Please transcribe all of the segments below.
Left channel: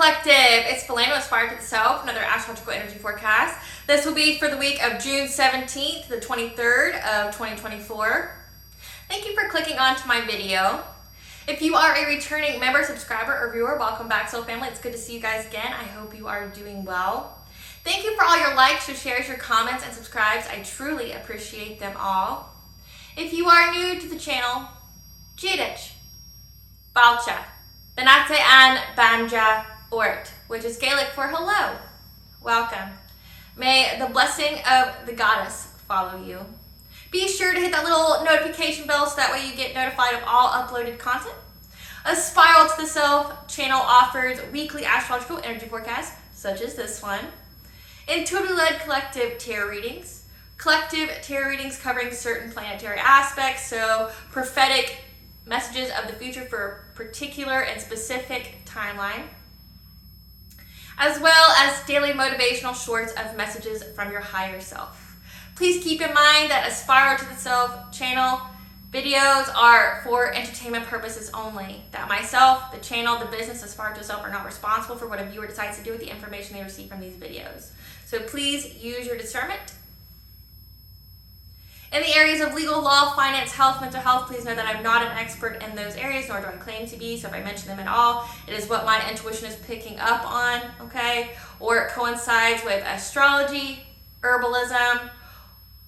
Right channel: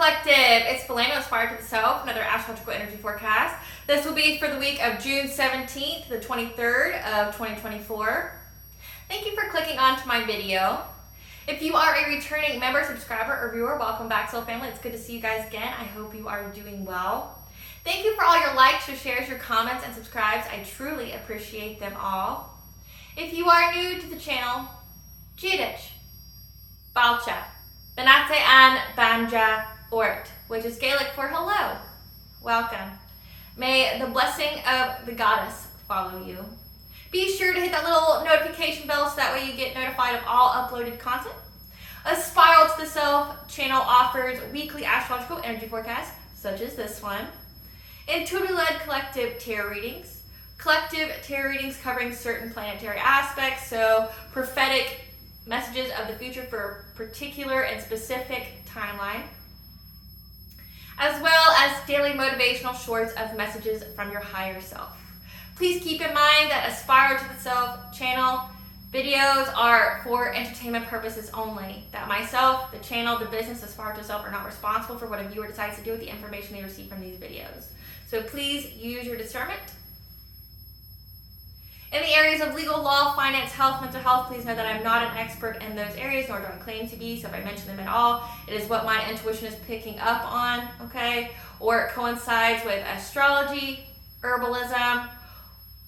Collective, it's Philando Aspire to the Self, another astrological energy forecast. This will be for the week of June 17th to the 23rd of 2024. Thank you for clicking onto my video. If you are a returning member, subscriber, or viewer, welcome back, Soul Family. It's good to see you guys again. I hope you are doing well. Thank you for all your likes, your shares, your comments, and subscribes. I truly appreciate them all. If you are new to the channel, Jidich, Balcha, Benate and Banja Ort, which is Gaelic for hello. Welcome. May the blessing of the goddess follow you. Be sure to hit that little notification bell so that way you get notified of all uploaded content. A Spiral to the Self channel offers weekly astrological energy forecasts, such as this one. Intuitively led collective tarot readings. Collective tarot readings covering certain planetary aspects, so prophetic messages of the future for a particular and specific timeline, as well as daily motivational shorts of messages from your higher self. Please keep in mind that Aspire to the Self channel videos are for entertainment purposes only. That myself, the channel, the business, Aspire to the Self are not responsible for what a viewer decides to do with the information they receive from these videos. So please use your discernment. In the areas of legal, law, finance, health, mental health, please know that I'm not an expert in those areas, nor do I claim to be. So if I mention them at all, it is what my intuition is picking up on, okay? Or it coincides with astrology, herbalism,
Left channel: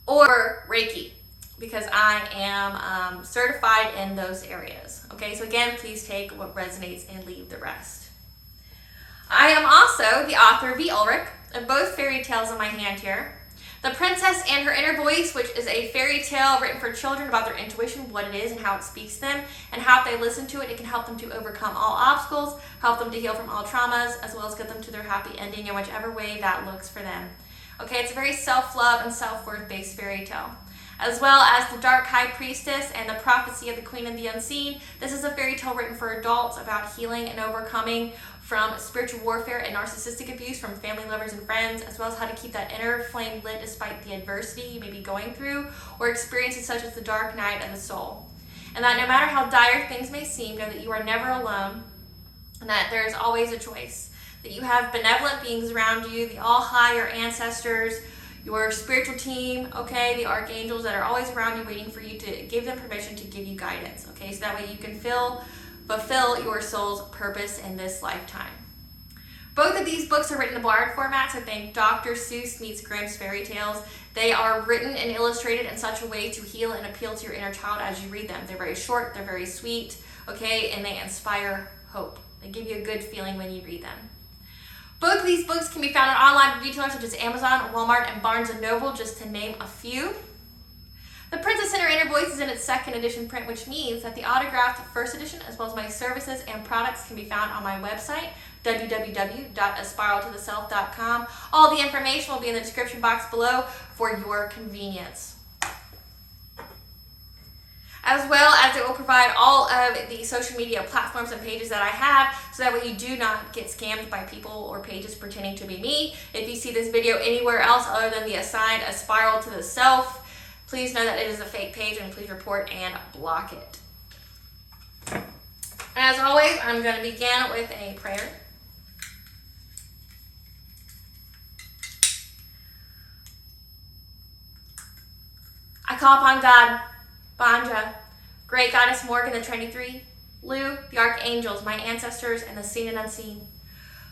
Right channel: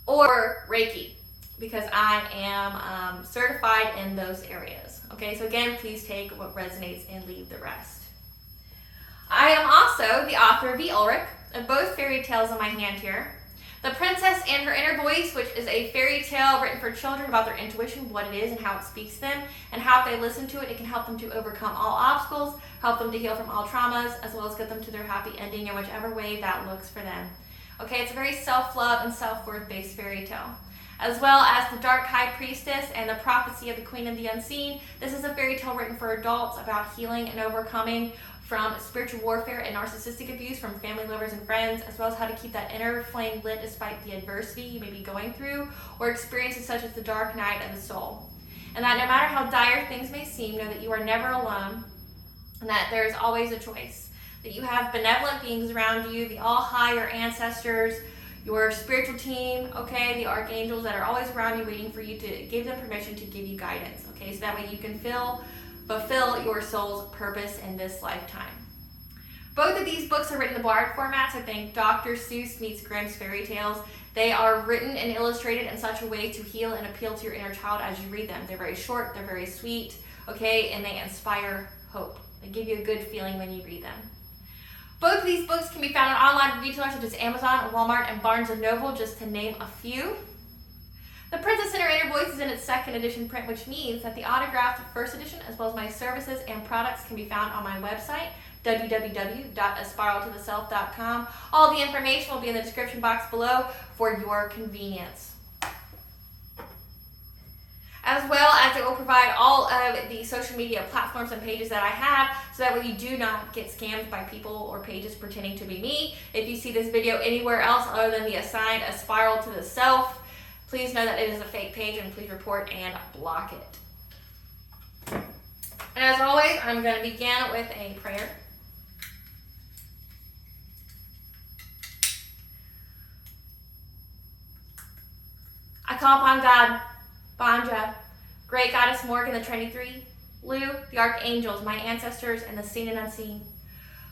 or Reiki, because I am certified in those areas, okay? So again, please take what resonates and leave the rest. I am also the author of the Ulrich of both fairy tales in my hand here. The Princess and Her Inner Voice, which is a fairy tale written for children about their intuition, what it is and how it speaks to them, and how if they listen to it, it can help them to overcome all obstacles, help them to heal from all traumas, as well as get them to their happy ending in whichever way that looks for them. Okay, it's a very self-love and self-worth based fairy tale. As well as The Dark High Priestess and The Prophecy of the Queen of the Unseen. This is a fairy tale written for adults about healing and overcoming from spiritual warfare and narcissistic abuse from family, lovers, and friends, as well as how to keep that inner flame lit despite the adversity you may be going through or experiences such as the dark night of the soul. And that no matter how dire things may seem, know that you are never alone and that there's always a choice. That you have benevolent beings around you, the all-high, your ancestors, your spiritual team, okay, the archangels that are always around you waiting for you to give them permission to give you guidance, okay, so that way you can fulfill your soul's purpose in this lifetime. Both of these books are written in Bard formats. I think Dr. Seuss meets Grimm's fairy tales. They are written and illustrated in such a way to heal and appeal to your inner child as you read them. They're very short, they're very sweet, okay, and they inspire hope. They give you a good feeling when you read them. Both of these books can be found on online retailers such as Amazon, Walmart, and Barnes & Noble, just to name a few. The Princess and Her Inner Voice is in its second edition print, which means that the autographed first edition, as well as my services and products, can be found on my website, www.aspiraltotheself.com. All the information will be in the description box below for your convenience. As well as it will provide all of the social media platforms and pages that I have, so that way you do not get scammed by people or pages pretending to be me. If you see this video anywhere else other than the assigned A Spiral to the Self, please know that it is a fake page and please report and block it. As always, I'm going to begin with a prayer. I call upon God, Banja, Great Goddess Morgan, the Trinity Three, Lu, the Archangels, my ancestors, and the seen and unseen.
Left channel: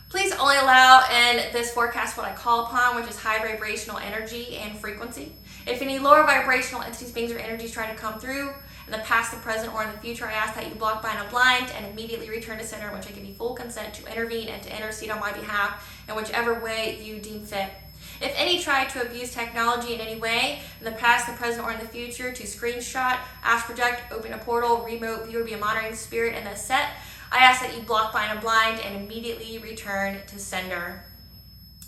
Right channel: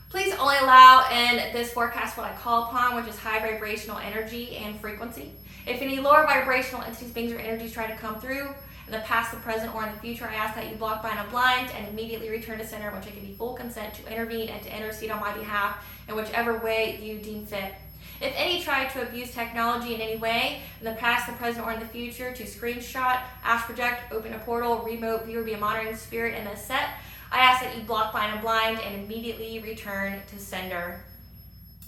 Please only allow in this forecast what I call upon, which is high vibrational energy and frequency. If any lower vibrational entities, beings, or energies try to come through in the past, the present, or in the future, I ask that you block, bind, and blind and immediately return to center, in which I give you full consent to intervene and to intercede on my behalf in whichever way you deem fit. If any try to abuse technology in any way, in the past, the present, or in the future, to screenshot, ask, project, open a portal, remote view, or be a monitoring spirit in this set, I ask that you block, bind, and blind and immediately return to sender.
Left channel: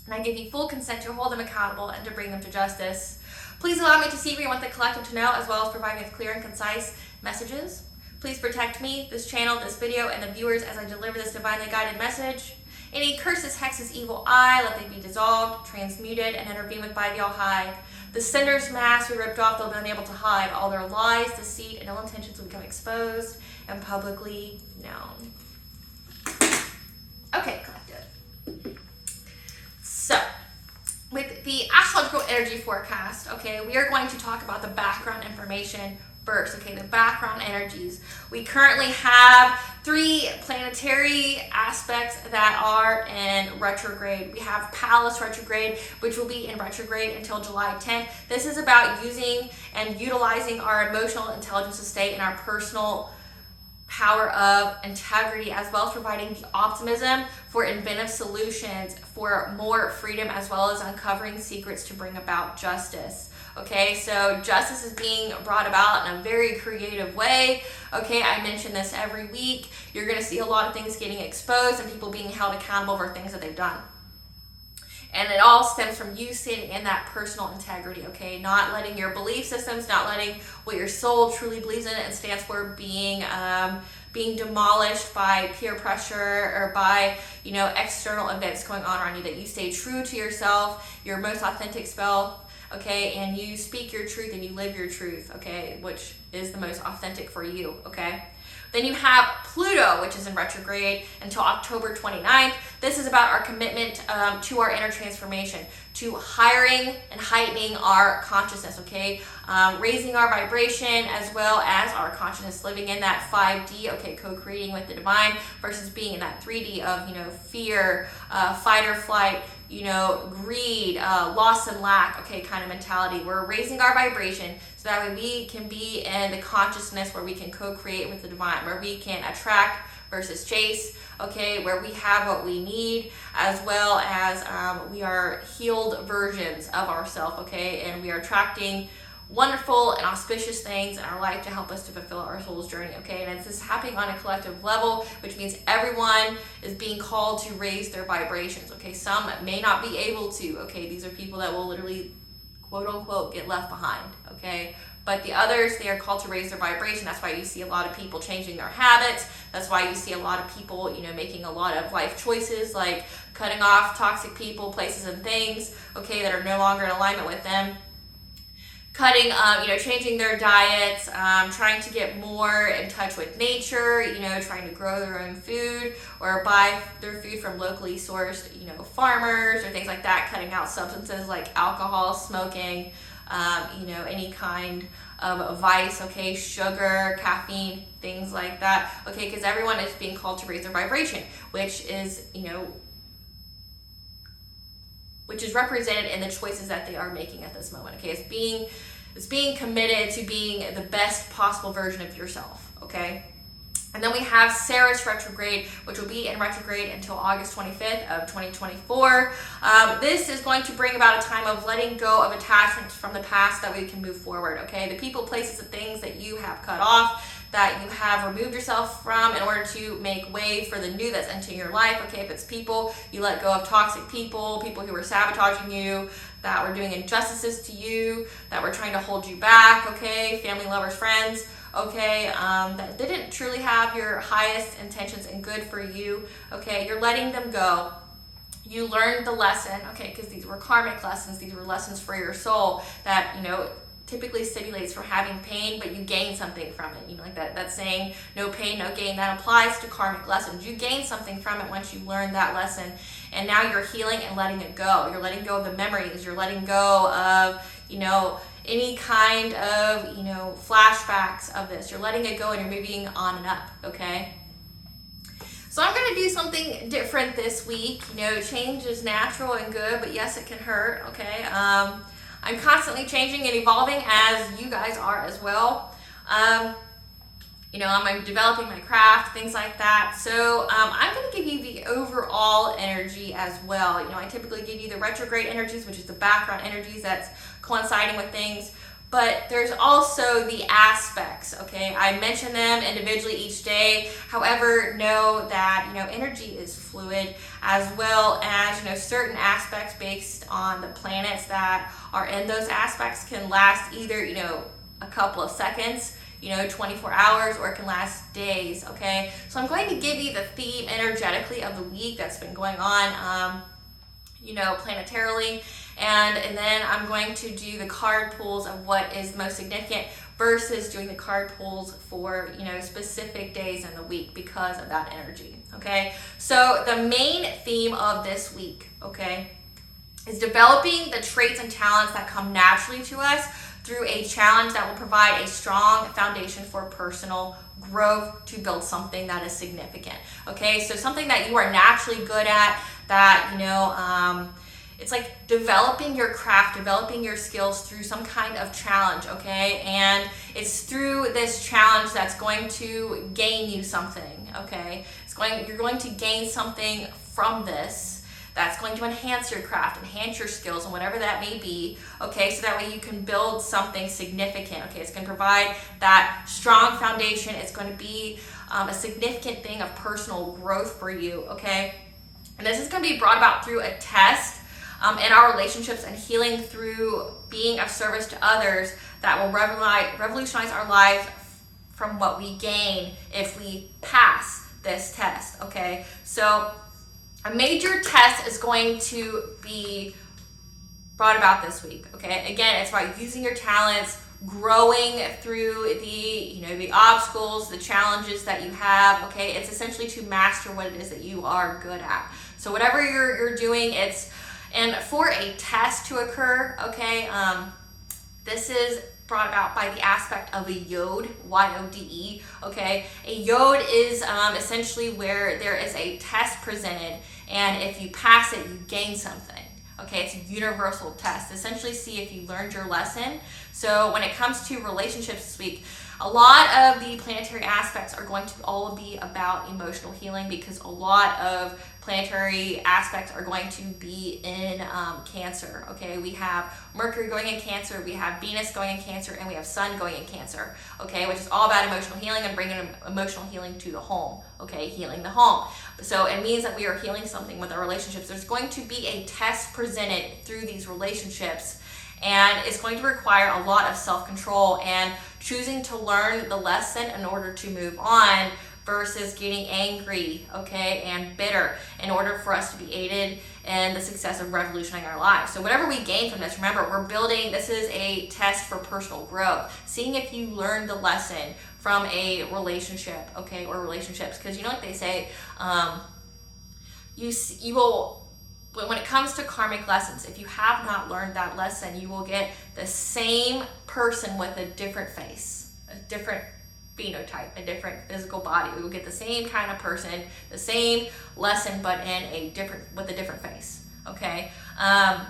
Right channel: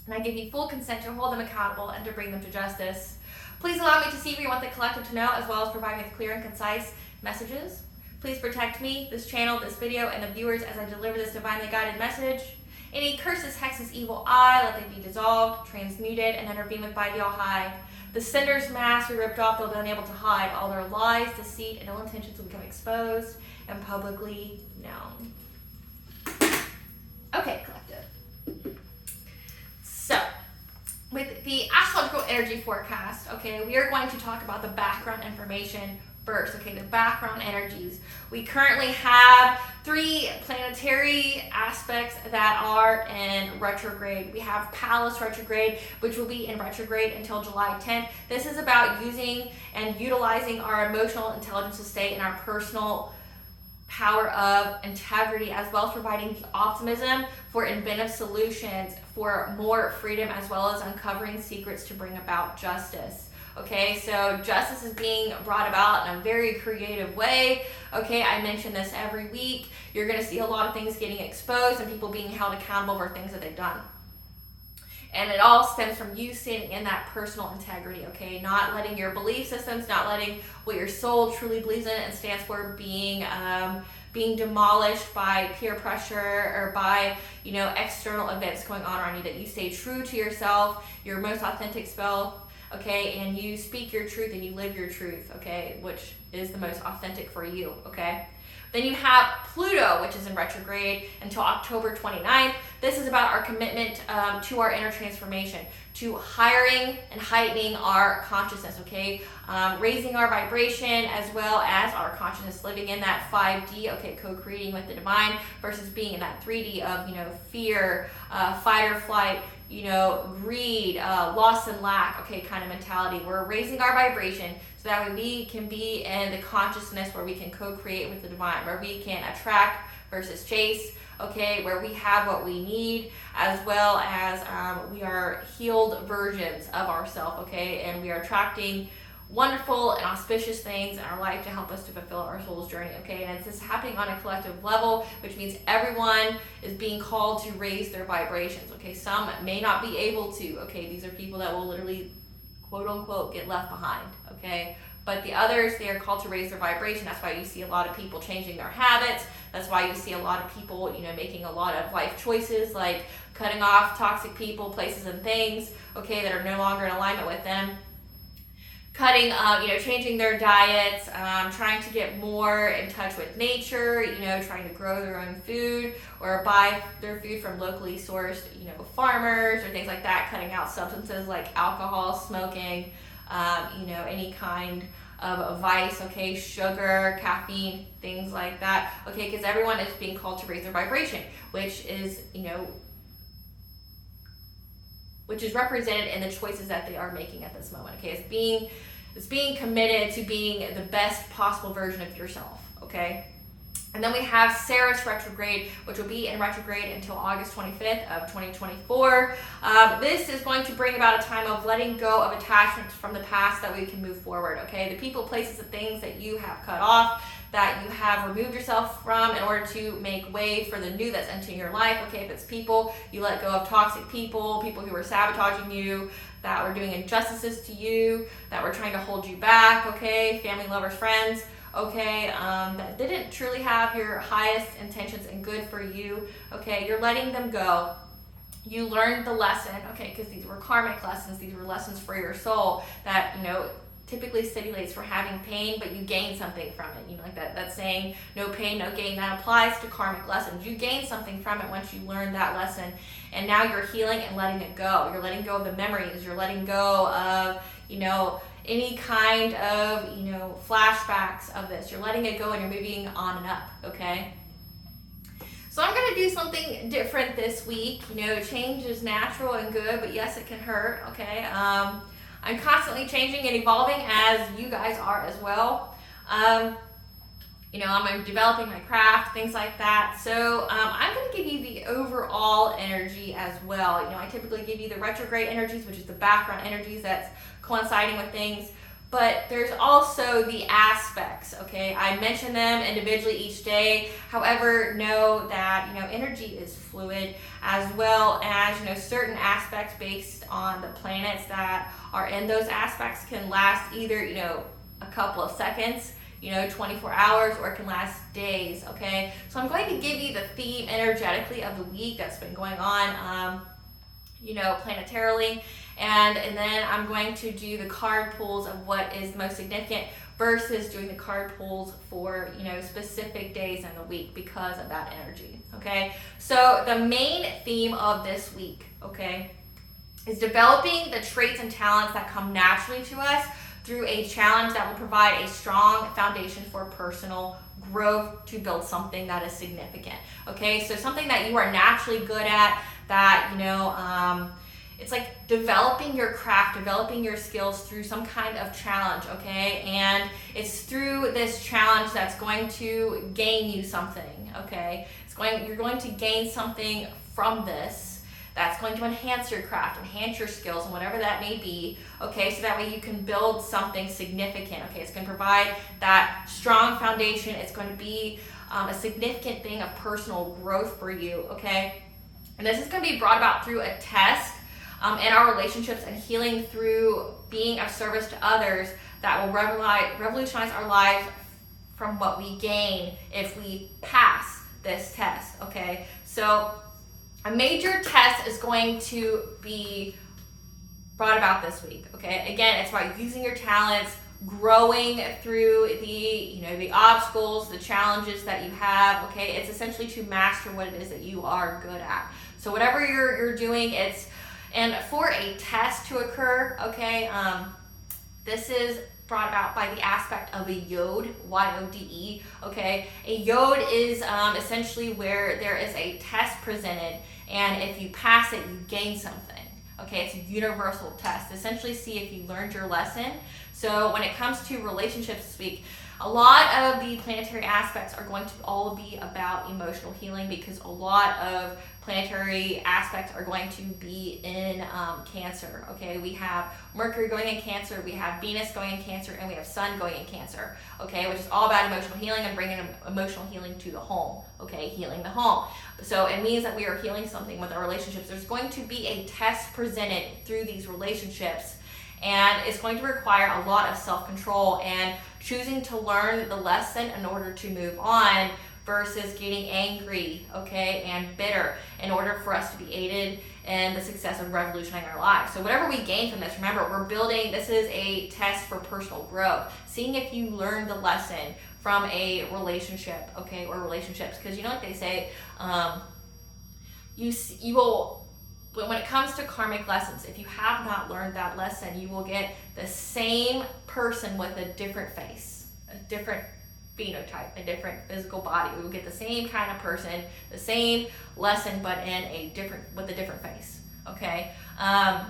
And I give you full consent to hold them accountable and to bring them to justice. Please allow me to see what you want the collective to know, as well as provide me with clear and concise messages. Please protect me, this channel, this video, and the viewers as I deliver this divinely guided message. Any curses, hexes, evil eye, let them be dissolved, transmuted, and intervened with by the All-High. The sender's mask we ripped off, they'll be unable to hide. All their lies, deceit, and ill intentions will become exposed and publicly known. Okay, collective. energy forecast, okay, we are going to talk about the background information first, okay, the background energies. We currently have 3 planetary aspects that are in retrograde. We have Pallas retrograde, which will be in retrograde until July 10th. This is about using and utilizing our emotional intelligence to stay in our personal power of integrity, as well as providing the optimism for inventive solutions, for more freedom, as well as uncovering secrets to bring about justice. Okay, so justice is being brought about in a very creative way. Okay, I mention this every week. You're going to see a lot of things getting exposed and people being held accountable for things that they've done. And it all stems from you standing in that personal integrity, okay? Not letting your belief systems, not letting what your soul truly believes in and stands for being demolished by peer pressure or by, external events going on around you, that you stay true to yourself, your most authentic self, okay? And you speak your truth and you live your truth, okay? Which is the most authentic for you, okay? Then you have Pluto, which is in retrograde until October 29th. This is about our commitment to our inner transformation, to hiring and heightening our consciousness, okay? Raising our vibration as well as our consciousness, living in that 5D, okay, co-creating with the divine versus being in that 3D of, fear, fight or flight, greed, loss and lack, okay, kind of mentality. We're raising our vibration so that way we can be in the consciousness where we can co-create with the divine, where we can attract versus chase, okay, where we have what we need, as well as we are healed versions of ourselves, okay, and we are attracting wonderful and auspicious things in our life to help us to fulfill our soul's journey, okay? And it's this happening on a collective level, which means everyone is being called to raise their vibrations, okay? Some may not be able to, okay? These are people that will literally, quote unquote, get left behind, okay? But the others, they are called to raise their vibration. That's why you see a lot of people changing their habits. That's why you see a lot of people, making a lot of life choices, like cutting off toxic people, places, and things, okay, that are no longer in alignment with them. Cutting, changing their diets, trying to get more in touch with nature, trying to grow their own food or buy their food from locally sourced, farmers or things like that, cutting out substances like alcohol, smoking, any kind of vice, okay, sugar, caffeine, things like that, okay, because everyone is being called to raise their vibration, which is represented in the choices that they are making at this moment, okay? It's being committed to being the best possible version of yourself, okay? And then we have Ceres retrograde, which will be in retrograde until August 25th of 2024. This is going to bring about a time of letting go of attachments from the past that we can move forward, okay? The people, places, and things that you have cut off, that you have removed yourself from in order to make way for the new that's entering your life, okay? If it's people, you let go of toxic people, people who were sabotaging you, that were doing injustices to you, that were trying to hold you back, okay? Family, lovers, friends, okay, that didn't truly have your highest intentions and good for you, okay? You're letting them go. You learned the lesson, okay, because these were karmic lessons. These were lessons for your soul that, typically stipulates for having pain, but you gain something from it. Like that saying, no pain, no gain, that applies to karmic lessons. You gain something from it once you learn that lesson, and now you're healing and letting it go. You're letting go of the memories. You're letting go of, any kind of, flashbacks of this. You're letting it go and you're moving on and up, okay? So I'm going to do something different this week. Change is natural and good, but yes, it can hurt, okay? I'm constantly changing and evolving, as you guys are as well. I'm developing my craft, things like that. So I'm going to give you the overall energy as well. I typically give you the retrograde energies, which is the background energies that's coinciding with things. But there's also the aspects, okay? I mention them individually each day. However, know that, energy is fluid, as well as, certain aspects based on the planets that are in those aspects can last either, a couple of seconds, 24 hours, or it can last days, okay? So I'm going to give you the theme energetically of the week that's been going on, planetarily. And then I'm going to do the card pulls of what is most significant versus doing the card pulls for, specific days in the week because of that energy, okay? So the main theme of this week, okay, is developing the traits and talents that come naturally to us through a challenge that will provide a strong foundation for personal growth to build something that is significant. Okay, so something that you are naturally good at, that, you know, it's like developing your craft, developing your skills through some kind of challenge, okay? And it's through this challenge that's going to gain you something, okay? You're going to gain something from this that's going to enhance your craft, enhance your skills, and whatever that may be, okay? So that way you can build something significant, okay? It's going to provide that strong foundation. It's going to be a significant thing of personal growth for you, okay? And this is going to be brought about through a test in our relationships and healing through being of service to others that will revolutionize our lives from what we gain if we pass this test, okay? So a major test is going to be brought about this week, okay? Again, it's about using your talents, growing through the obstacles, the challenges that you have, okay? It's essentially to master what it is that you are good at. So whatever you're doing, and for a test to occur, okay, this is brought about by the aspect of a yode, Y-O-D-E, okay? A yode is essentially where there is a test presented, and if you pass it, you gain something, okay? It's a universal test. Essentially, see if you learned your lesson. So when it comes to relationships this week, a lot of the planetary aspects are going to all be about emotional healing, because a lot of planetary aspects are going to be in Cancer, okay? We have Mercury going in Cancer, we have Venus going in Cancer, and we have Sun going in Cancer, okay? Which is all about emotional healing and bringing emotional healing to the home, okay? Healing the home. So it means that we are healing something with our relationships. There's going to be a test presented through these relationships, and it's going to require a lot of self-control and choosing to learn the lesson in order to move on, versus getting angry, okay, and bitter, in order for us to be aided in the success of revolutionizing our lives. So whatever we gain from this, remember, we're building, this is a test for personal growth, seeing if you learned the lesson from a relationship, okay, or relationships, because you know what they say, you will, when it comes to karmic lessons, if you have not learned that lesson, you will get the same person with a different face, a different phenotype, a different physical body. We will get the same kind of person, the same lesson, but with a different face, okay? And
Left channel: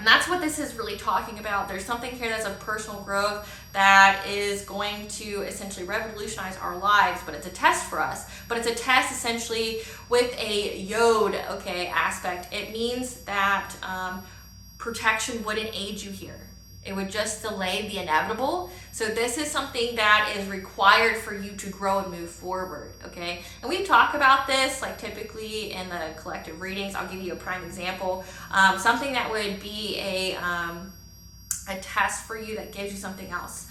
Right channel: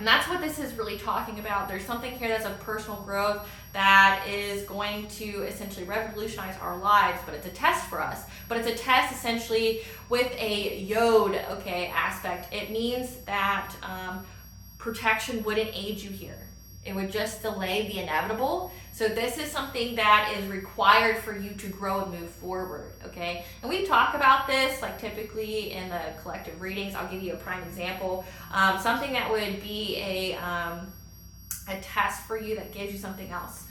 that's what this is really talking about. There's something here that's of personal growth that is going to essentially revolutionize our lives, but it's a test for us. But it's a test essentially with a yod, okay, aspect. It means that protection wouldn't aid you here. It would just delay the inevitable. So this is something that is required for you to grow and move forward, okay? And we talk about this, like typically in the collective readings. I'll give you a prime example. Something that would be a test for you that gives you something else.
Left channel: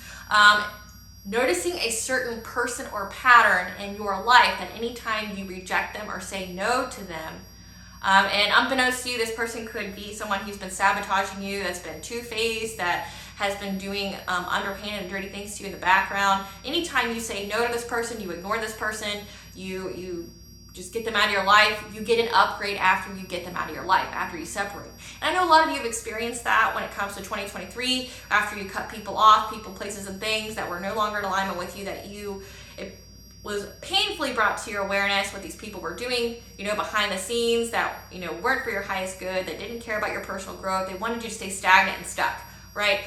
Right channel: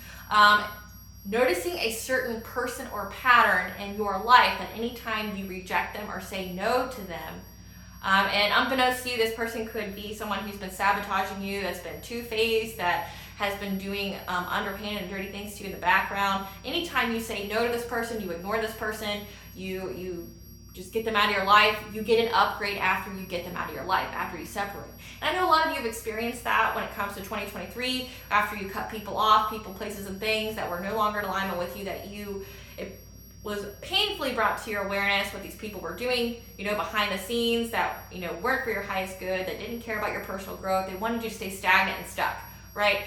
Noticing a certain person or pattern in your life that anytime you reject them or say no to them, and unbeknownst to you, this person could be someone who's been sabotaging you, that's been two-faced, that has been doing underhanded and dirty things to you in the background. Anytime you say no to this person, you ignore this person, you just get them out of your life, you get an upgrade after you get them out of your life, after you separate. And I know a lot of you have experienced that when it comes to 2023, after you cut people off, people, places, and things that were no longer in alignment with you, that it was painfully brought to your awareness what these people were doing, behind the scenes, that, weren't for your highest good, that didn't care about your personal growth. They wanted you to stay stagnant and stuck, right?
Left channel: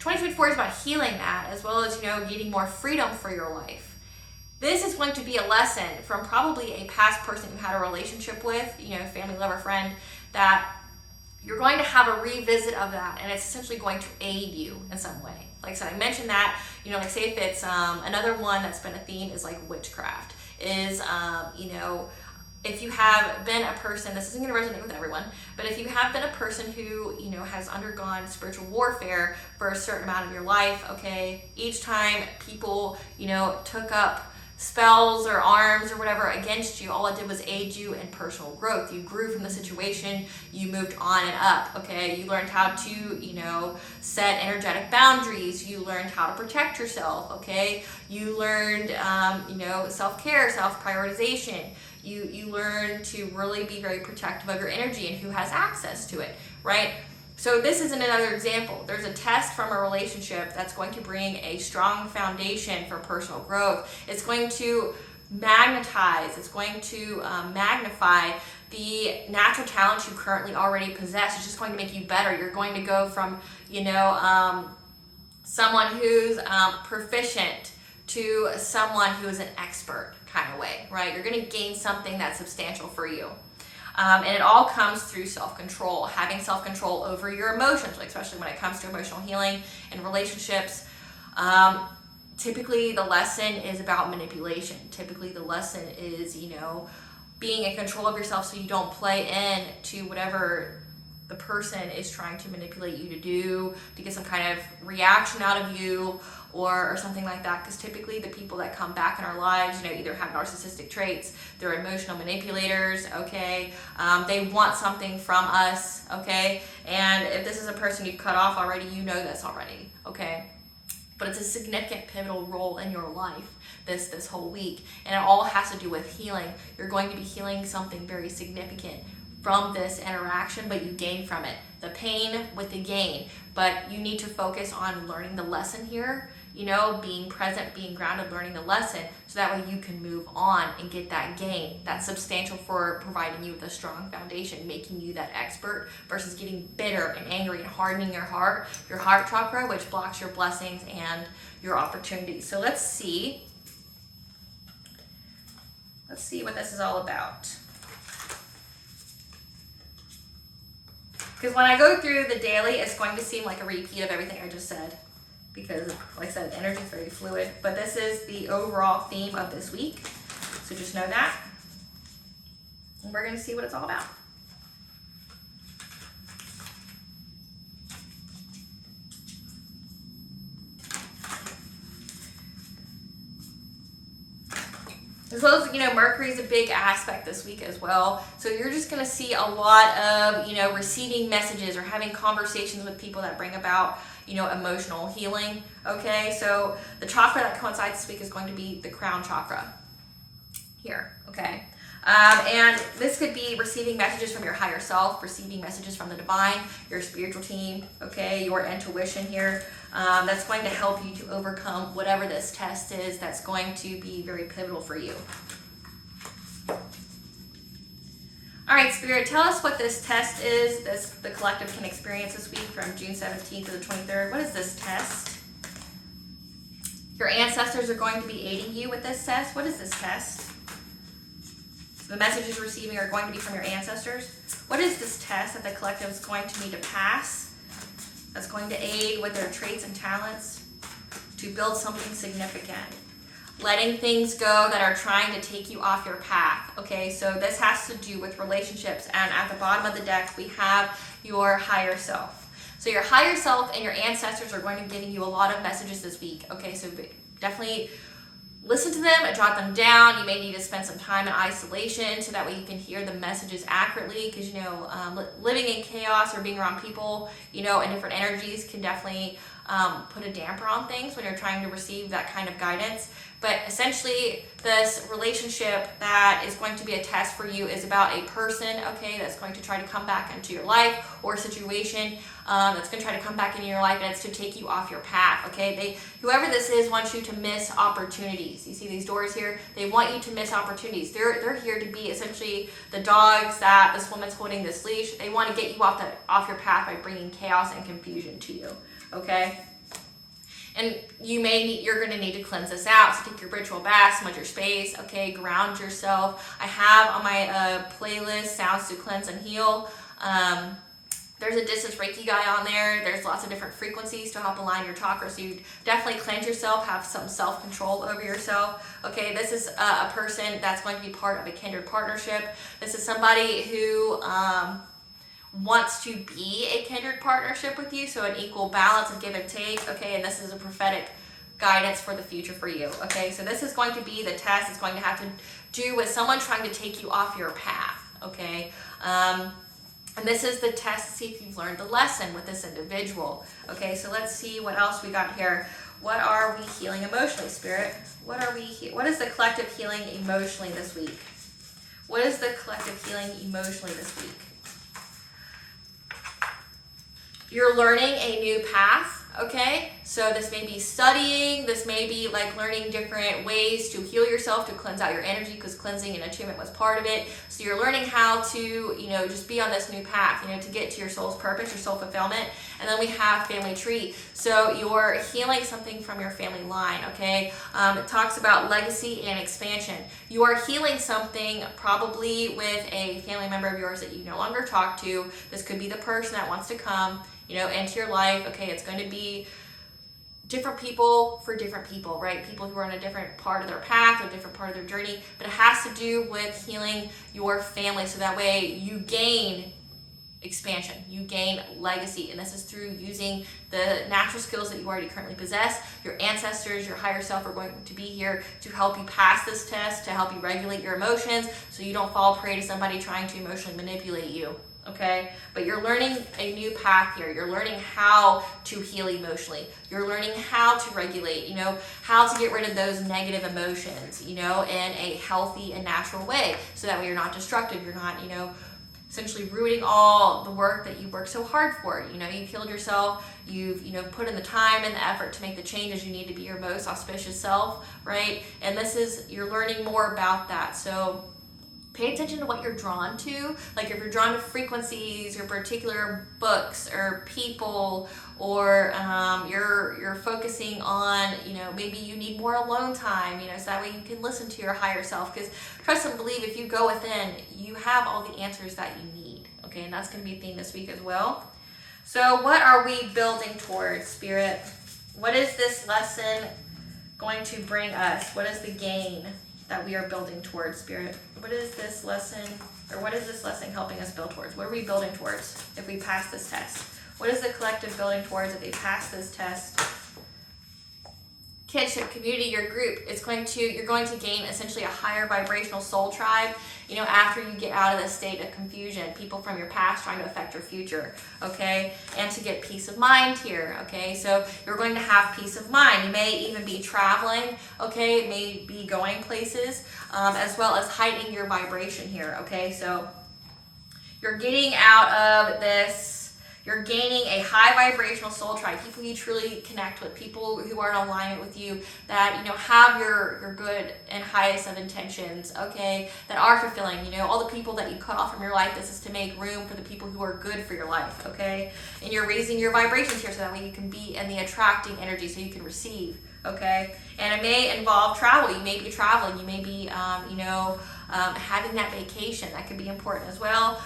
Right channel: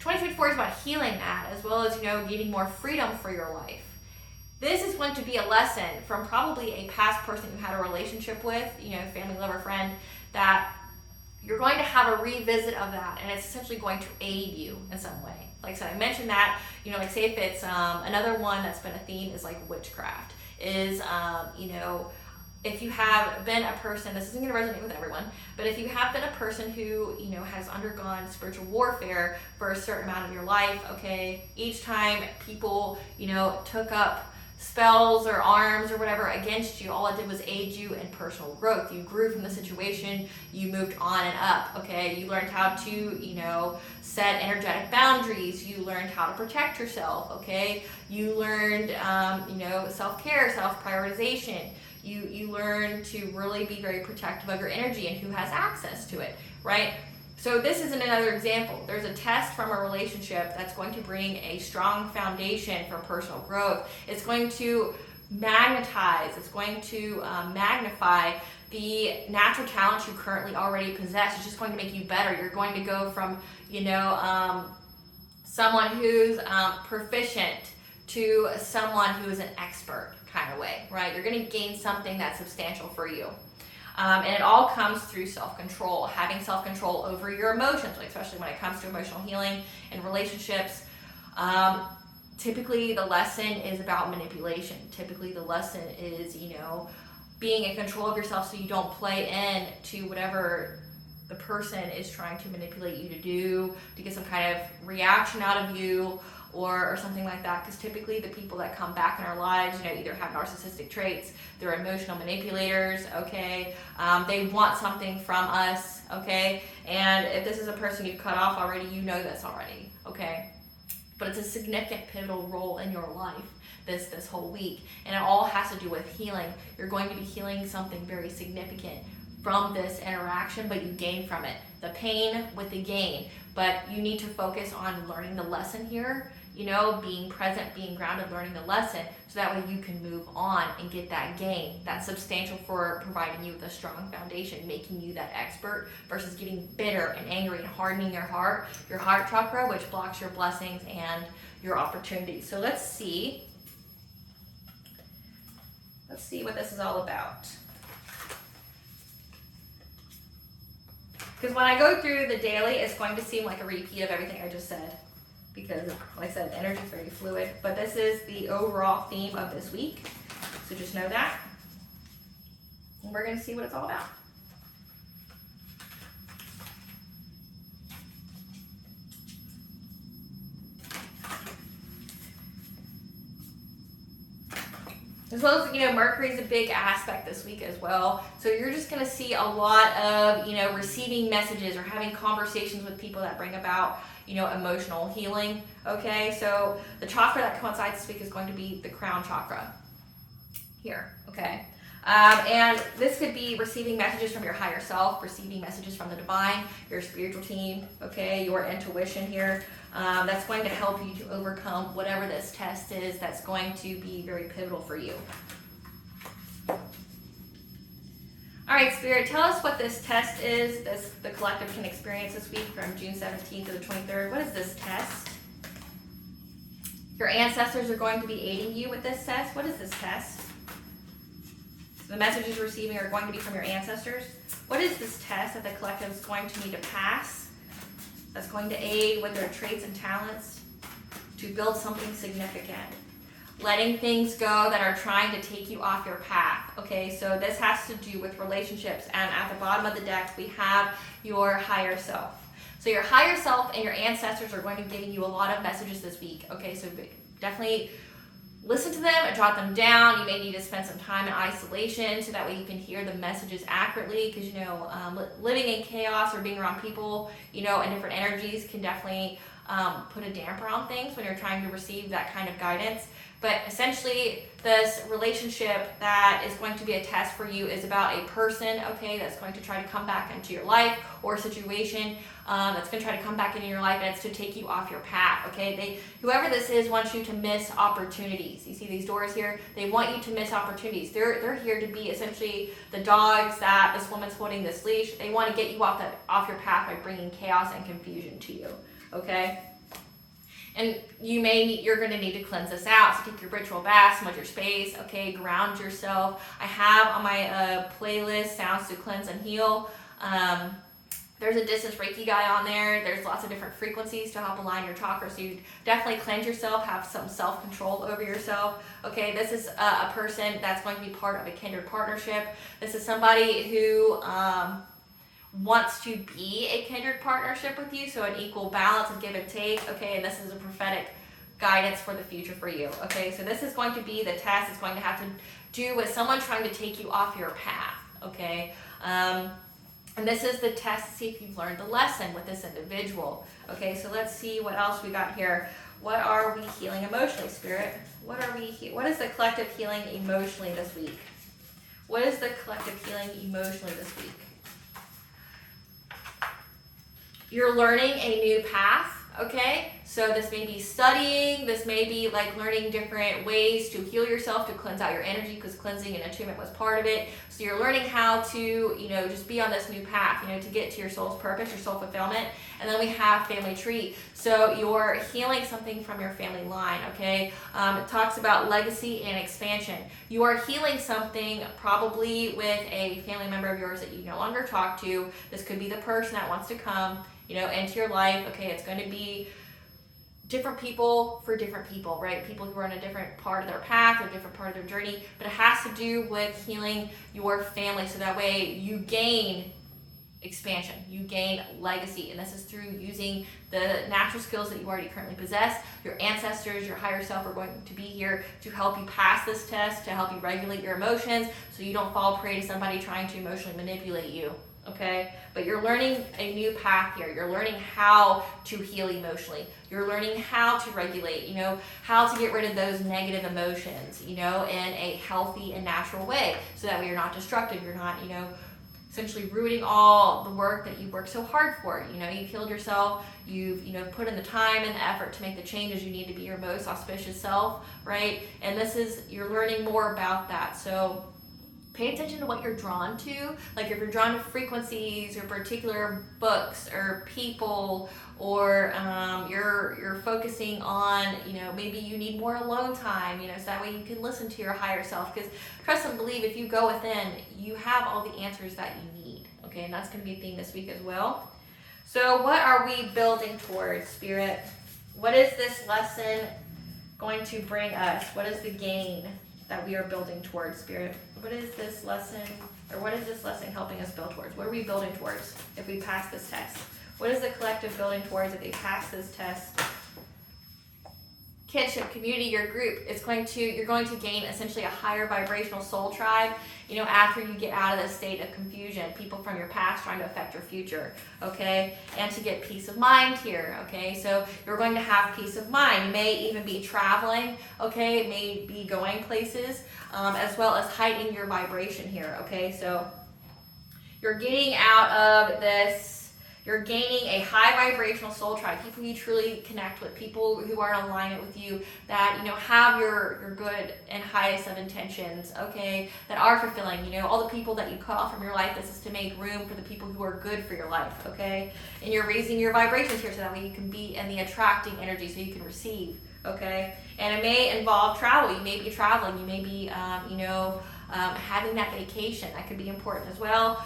2024 is about healing that, as well as, getting more freedom for your life. This is going to be a lesson from probably a past person you had a relationship with, family, lover, friend, that you're going to have a revisit of that, and it's essentially going to aid you in some way. Like I said, I mentioned that, like say if it's another one that's been a theme is like witchcraft, is, if you have been a person, this isn't going to resonate with everyone, but if you have been a person who, has undergone spiritual warfare for a certain amount of your life, okay, each time people, took up spells or arms or whatever against you, all it did was aid you in personal growth. You grew from the situation, you moved on and up, okay? You learned how to, set energetic boundaries. You learned how to protect yourself, okay? You learned, self-care, self-prioritization. You learn to really be very protective of your energy and who has access to it, right? So this is another example. There's a test from a relationship that's going to bring a strong foundation for personal growth. It's going to magnetize, it's going to magnify the natural talents you currently already possess. It's just going to make you better. You're going to go from, someone who's proficient to someone who is an expert kind of way, right? You're going to gain something that's substantial for you. And it all comes through self-control, having self-control over your emotions, like especially when it comes to emotional healing and relationships. Typically the lesson is about manipulation. Typically the lesson is, being in control of yourself so you don't play in to whatever the person is trying to manipulate you to do, to get some kind of reaction out of you or something like that. Because typically the people that come back in our lives, either have narcissistic traits, they're emotional manipulators, okay? They want something from us, okay? And if this is a person you've cut off already, you know this already, okay? But it's a significant pivotal role in your life this whole week. And it all has to do with healing. You're going to be healing something very significant from this interaction, but you gain from it. The pain with the gain. But you need to focus on learning the lesson here, being present, being grounded, learning the lesson, so that way you can move on and get that gain. That's substantial for providing you with a strong foundation, making you that expert versus getting bitter and angry and hardening your heart chakra, which blocks your blessings and your opportunities. So let's see what this is all about. Because when I go through the daily, it's going to seem like a repeat of everything I just said. Because, like I said, energy is very fluid. But this is the overall theme of this week. So just know that. And we're going to see what it's all about. As well as, Mercury is a big aspect this week as well. So you're just going to see a lot of, receiving messages or having conversations with people that bring about, emotional healing. Okay, so the chakra that coincides this week is going to be the crown chakra here. Okay. And this could be receiving messages from your higher self, receiving messages from the divine, your spiritual team, okay, your intuition here. That's going to help you to overcome whatever this test is that's going to be very pivotal for you. All right, Spirit, tell us what this test is that the collective can experience this week from June 17th to the 23rd. What is this test? Your ancestors are going to be aiding you with this test. What is this test? The messages you're receiving are going to be from your ancestors. What is this test that the collective is going to need to pass that's going to aid with their traits and talents to build something significant? Letting things go that are trying to take you off your path. Okay, so this has to do with relationships. And at the bottom of the deck, we have your higher self. So your higher self and your ancestors are going to be giving you a lot of messages this week. Okay, so definitely listen to them and jot them down. You may need to spend some time in isolation so that way you can hear the messages accurately, because living in chaos or being around people in different energies can definitely put a damper on things when you're trying to receive that kind of guidance. But essentially, this relationship that is going to be a test for you is about a person, okay, that's going to try to come back into your life, or a situation that's going to try to come back into your life, and it's to take you off your path, okay? Whoever this is wants you to miss opportunities. You see these doors here? They want you to miss opportunities. They're here to be essentially the dogs that this woman's holding this leash. They want to get you off your path by bringing chaos and confusion to you, okay? And you're going to need to cleanse this out. So take your ritual bath, smudge your space, okay, ground yourself. I have on my playlist Sounds to Cleanse and Heal. There's a distance Reiki guy on there. There's lots of different frequencies to help align your chakras. So you definitely cleanse yourself, have some self-control over yourself. Okay, this is a person that's going to be part of a kindred partnership. This is somebody who wants to be a kindred partnership with you, so an equal balance of give and take, okay, and this is a prophetic guidance for the future for you, okay, so this is going to be the test. It's going to have to do with someone trying to take you off your path, okay, and this is the test to see if you've learned the lesson with this individual, okay, so let's see what else we got here. What are we healing emotionally, Spirit? What is the collective healing emotionally this week? What is the collective healing emotionally this week? You're learning a new path, okay? So this may be studying, this may be like learning different ways to heal yourself, to cleanse out your energy, because cleansing and attunement was part of it. So you're learning how to, you know, just be on this new path, you know, to get to your soul's purpose, your soul fulfillment. And then we have family tree. So you're healing something from your family line, okay? It talks about legacy and expansion. You are healing something probably with a family member of yours that you no longer talk to. This could be the person that wants to come, you know, into your life. Okay, it's going to be different people for different people, right? People who are on a different part of their path or different part of their journey, but it has to do with healing your family, so that way you gain expansion, you gain legacy, and this is through using the natural skills that you already currently possess. Your ancestors, your higher self are going to be here to help you pass this test, to help you regulate your emotions so you don't fall prey to somebody trying to emotionally manipulate you. Okay, but you're learning a new path here. You're learning how to heal emotionally. You're learning how to regulate, you know, how to get rid of those negative emotions, you know, in a healthy and natural way, so that way you're not destructive. You're not, you know, essentially rooting all the work that you worked so hard for. You know, you've healed yourself, you've, you know, put in the time and the effort to make the changes you need to be your most auspicious self, right? And this is, you're learning more about that. So pay attention to what you're drawn to. Like if you're drawn to frequencies or particular books or people, or you're focusing on, you know, maybe you need more alone time, you know, so that way you can listen to your higher self. Because trust and believe, if you go within, you have all the answers that you need. Okay, and that's going to be a theme this week as well. So what are we building towards, Spirit? What is this lesson going to bring us? What is the gain that we are building towards, Spirit? What is this lesson, or what is this lesson helping us build towards? What are we building towards if we pass this test? What is the collective building towards if they pass this test? Kinship, community, your group. You're going to gain essentially a higher vibrational soul tribe, you know, after you get out of this state of confusion, people from your past trying to affect your future, okay? And to get peace of mind here, okay? So you're going to have peace of mind. You may even be traveling, okay? It may be going places, as well as heightening your vibration here, okay? So you're getting out of this. You're gaining a high vibrational soul tribe, people you truly connect with, people who are in alignment with you, that, you know, have your good and highest of intentions, okay, that are fulfilling. You know, all the people that you cut off from your life, this is to make room for the people who are good for your life, okay? And you're raising your vibrations here so that way you can be in the attracting energy so you can receive, okay? And it may involve travel. You may be traveling. You may be, having that vacation. That could be important as well.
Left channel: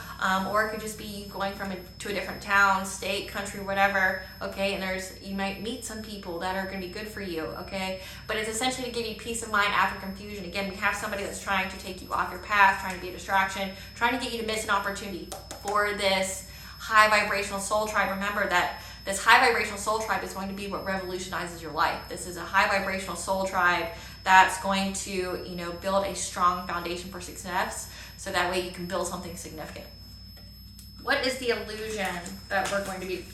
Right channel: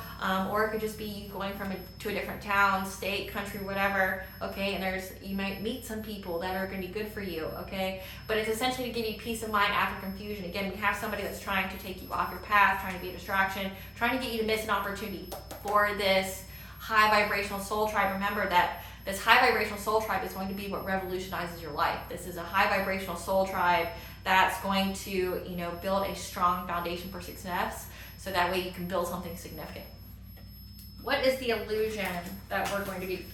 Or it could just be going to a different town, state, country, whatever, okay? And you might meet some people that are going to be good for you, okay? But it's essentially to give you peace of mind after confusion. Again, we have somebody that's trying to take you off your path, trying to be a distraction, trying to get you to miss an opportunity for this high vibrational soul tribe. Remember that this high vibrational soul tribe is going to be what revolutionizes your life. This is a high vibrational soul tribe that's going to, you know, build a strong foundation for success, so that way you can build something significant. What is the illusion that we're going to be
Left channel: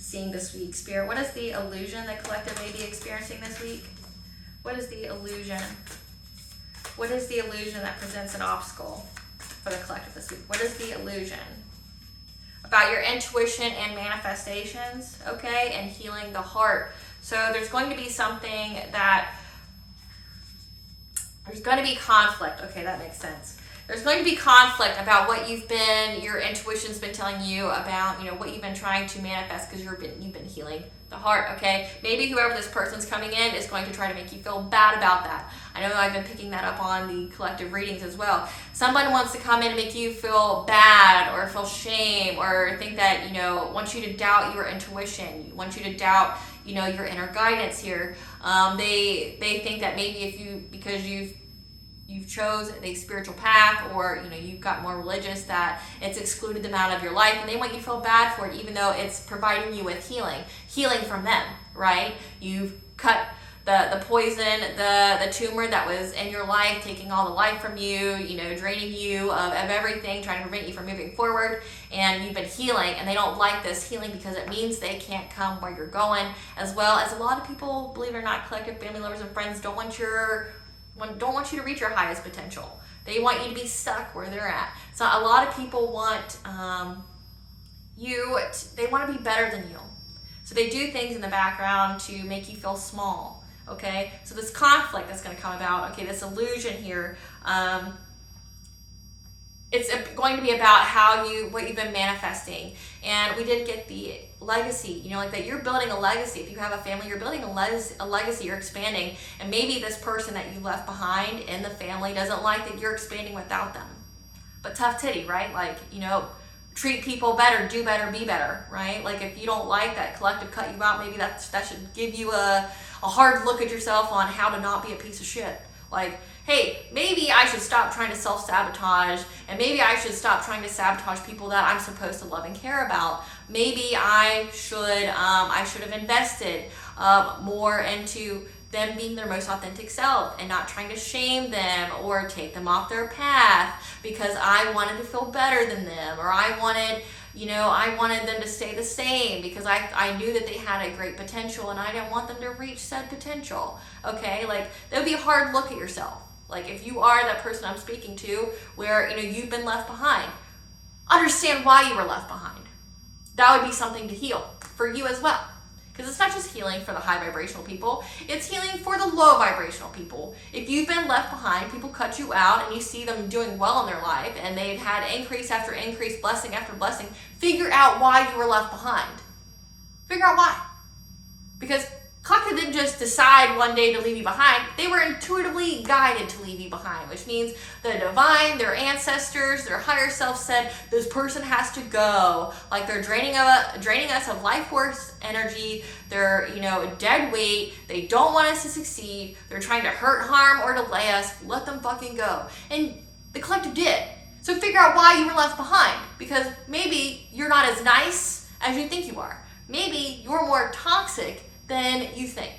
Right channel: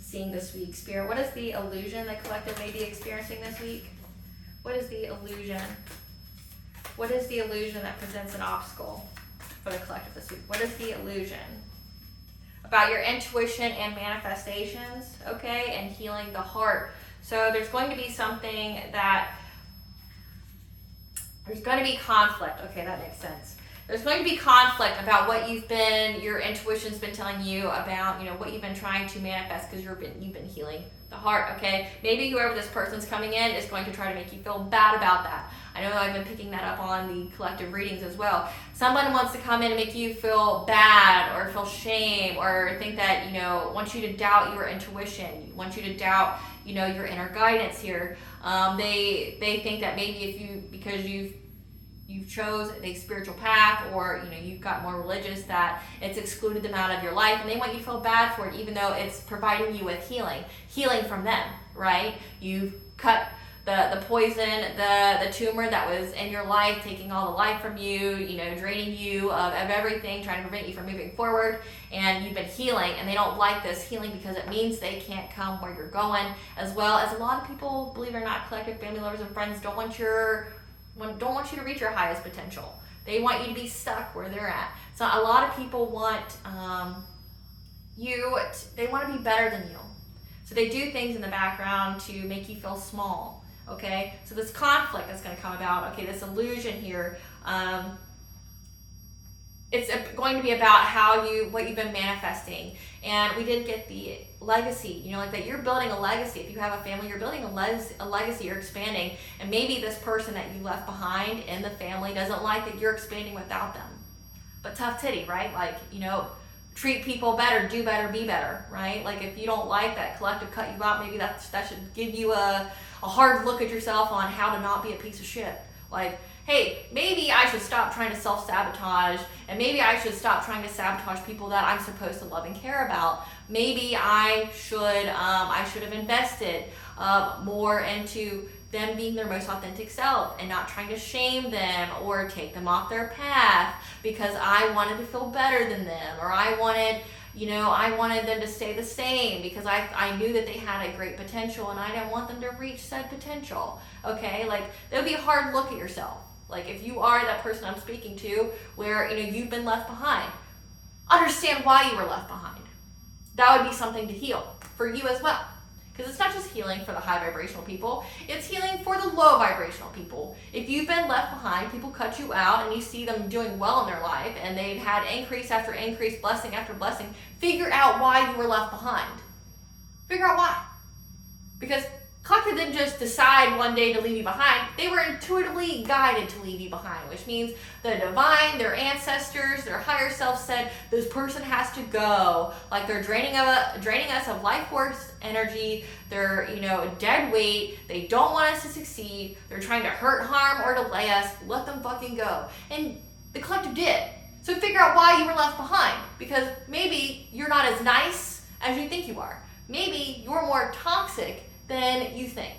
seeing this week, Spirit? What is the illusion the collective may be experiencing this week? What is the illusion? What is the illusion that presents an obstacle for the collective this week? What is the illusion? About your intuition and manifestations, okay, and healing the heart. So there's going to be something that, there's going to be conflict. Okay, that makes sense. There's going to be conflict about what your intuition's been telling you about, you know, what you've been trying to manifest, because you've been healing the heart, okay? Maybe whoever this person's coming in is going to try to make you feel bad about that. I know I've been picking that up on the collective readings as well. Someone wants to come in and make you feel bad or feel shame, or think that, you know, wants you to doubt your intuition, wants you to doubt, you know, your inner guidance here. They think that maybe because you've chose the spiritual path, or, you know, you've got more religious, that it's excluded them out of your life, and they want you to feel bad for it, even though it's providing you with healing from them, right? You've cut the poison, the tumor that was in your life, taking all the life from you, you know, draining you of everything, trying to prevent you from moving forward, and you've been healing, and they don't like this healing because it means they can't come where you're going, as well as a lot of people, believe it or not, collective family, lovers, and friends don't want you to reach your highest potential. They want you to be stuck where they're at. So a lot of people want they want to be better than you. So they do things in the background to make you feel small, okay? So this conflict that's going to come about, okay, this illusion here, it's going to be about what you've been manifesting. And we did get the legacy, like that you're building a legacy. If you have a family, you're building a legacy, you're expanding. And maybe this person that you left behind in the family doesn't like that you're expanding without them. But tough titty, right? Like, treat people better, do better, be better, right? Like if you don't like that collective cut you out, maybe that should give you a hard look at yourself on how to not be a piece of shit. Like, hey, maybe I should stop trying to self-sabotage, and maybe I should stop trying to sabotage people that I'm supposed to love and care about. Maybe I should have invested more into them being their most authentic self and not trying to shame them or take them off their path because I wanted to feel better than them, or I wanted them to stay the same because I knew that they had a great potential and I didn't want them to reach said potential. Okay, like that would be a hard look at yourself. Like if you are that person I'm speaking to where you've been left behind, understand why you were left behind. That would be something to heal for you as well. Because it's not just healing for the high vibrational people, it's healing for the low vibrational people. If you've been left behind, people cut you out and you see them doing well in their life and they've had increase after increase, blessing after blessing, figure out why you were left behind. Figure out why. Because Collective didn't just decide one day to leave you behind. They were intuitively guided to leave you behind, which means the divine, their ancestors, their higher self said, this person has to go. Like they're draining us of life force energy. They're, dead weight. They don't want us to succeed. They're trying to hurt, harm, or delay us. Let them fucking go. And the collective did. So figure out why you were left behind. Because maybe you're not as nice as you think you are. Maybe you're more toxic than you think.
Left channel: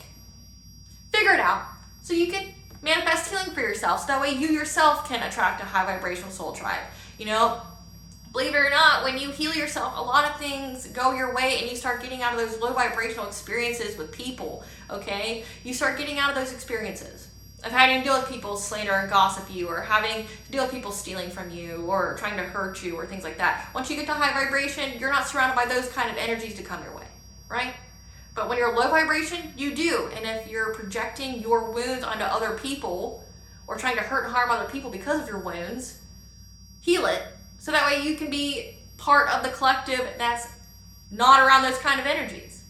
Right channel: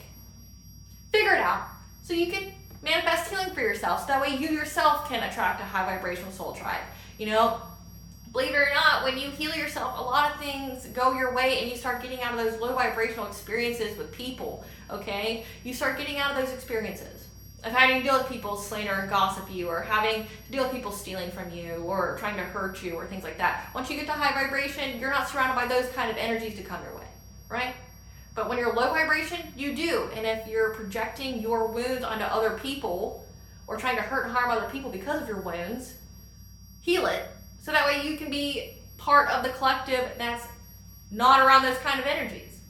Figure it out so you can manifest healing for yourself. So that way you yourself can attract a high vibrational soul tribe. Believe it or not, when you heal yourself, a lot of things go your way and you start getting out of those low vibrational experiences with people, okay? You start getting out of those experiences of having to deal with people slander and gossip you, or having to deal with people stealing from you or trying to hurt you or things like that. Once you get to high vibration, you're not surrounded by those kind of energies to come your way, right? But when you're low vibration, you do. And if you're projecting your wounds onto other people or trying to hurt and harm other people because of your wounds, heal it. So that way you can be part of the collective that's not around those kind of energies.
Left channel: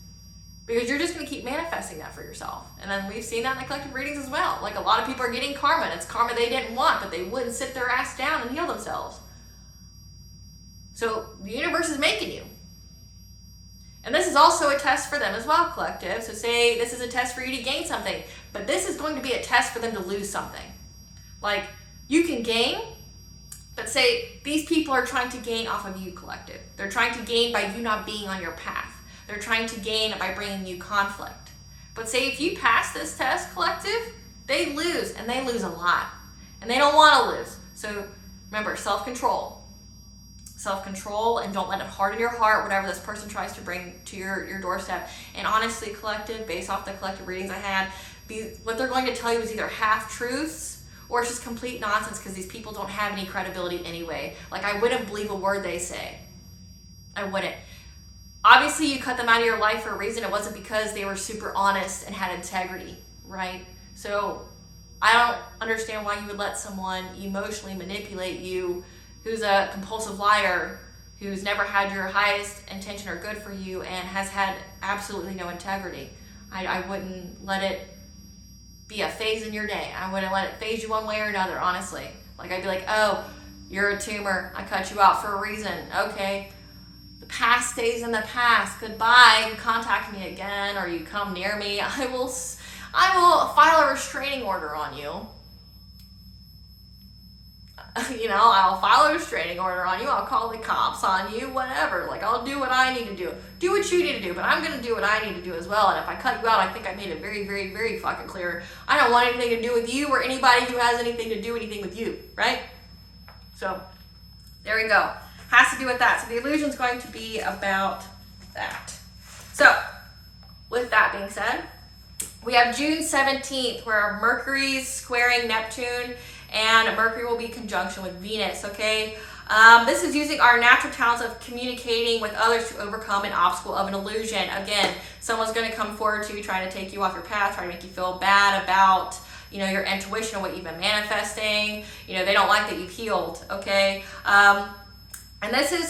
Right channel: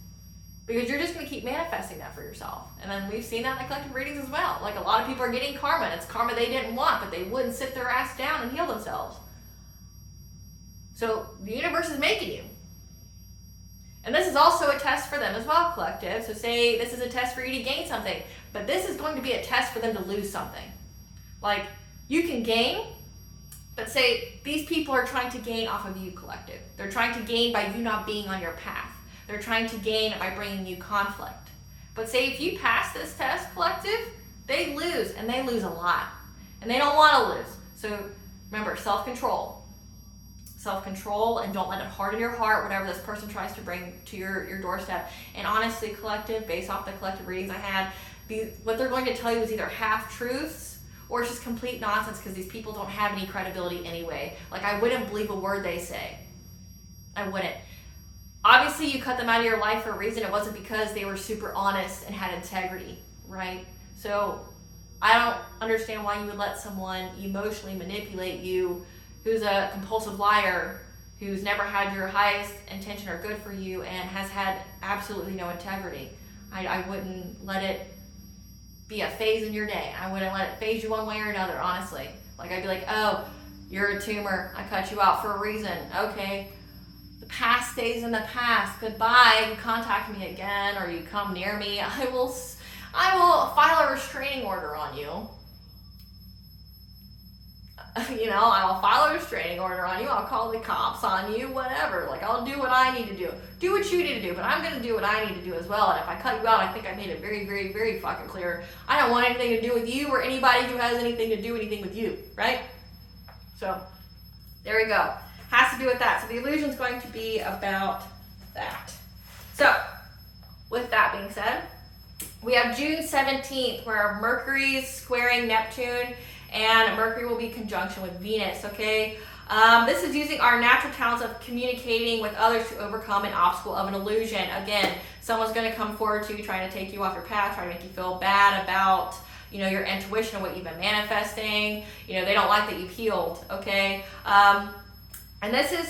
Because you're just going to keep manifesting that for yourself. And then we've seen that in the collective readings as well. Like a lot of people are getting karma. And it's karma they didn't want, but they wouldn't sit their ass down and heal themselves. So the universe is making you. And this is also a test for them as well, collective. So say this is a test for you to gain something, but this is going to be a test for them to lose something. Like you can gain, but say these people are trying to gain off of you, collective. They're trying to gain by you not being on your path. They're trying to gain by bringing you conflict. But say if you pass this test, collective, they lose, and they lose a lot. And they don't want to lose. So remember, self-control, and don't let it harden your heart, whatever this person tries to bring to your doorstep. And honestly, collective, based off the collective readings I had, what they're going to tell you is either half-truths or it's just complete nonsense because these people don't have any credibility anyway. Like, I wouldn't believe a word they say. I wouldn't. Obviously, you cut them out of your life for a reason. It wasn't because they were super honest and had integrity, right? So I don't understand why you would let someone emotionally manipulate you who's a compulsive liar, who's never had your highest intention or good for you and has had absolutely no integrity. I wouldn't let it be a phase in your day. I wouldn't let it phase you one way or another, honestly. Like I'd be like, oh, you're a tumor. I cut you out for a reason. Okay. The past stays in the past. Goodbye. You contact me again or you come near me, I will file a restraining order on you. I'll file a restraining order on you. I'll call the cops on you, whatever. Like, I'll do what I need to do. Do what you need to do, but I'm going to do what I need to do as well. And if I cut you out, I think I made it very, very, very fucking clear. I don't want anything to do with you or anybody who has anything to do anything with you, right? So, there we go. Has to do with that. So, the illusion's going to be about that. So, with that being said, we have June 17th where Mercury's squaring Neptune. and Mercury will be conjunction with Venus, okay? This is using our natural talents of communicating with others to overcome an obstacle of an illusion. Again, someone's going to come forward to you trying to take you off your path, trying to make you feel bad about, you know, your intuition or what you've been manifesting. You know, they don't like that you've healed, okay? And this is,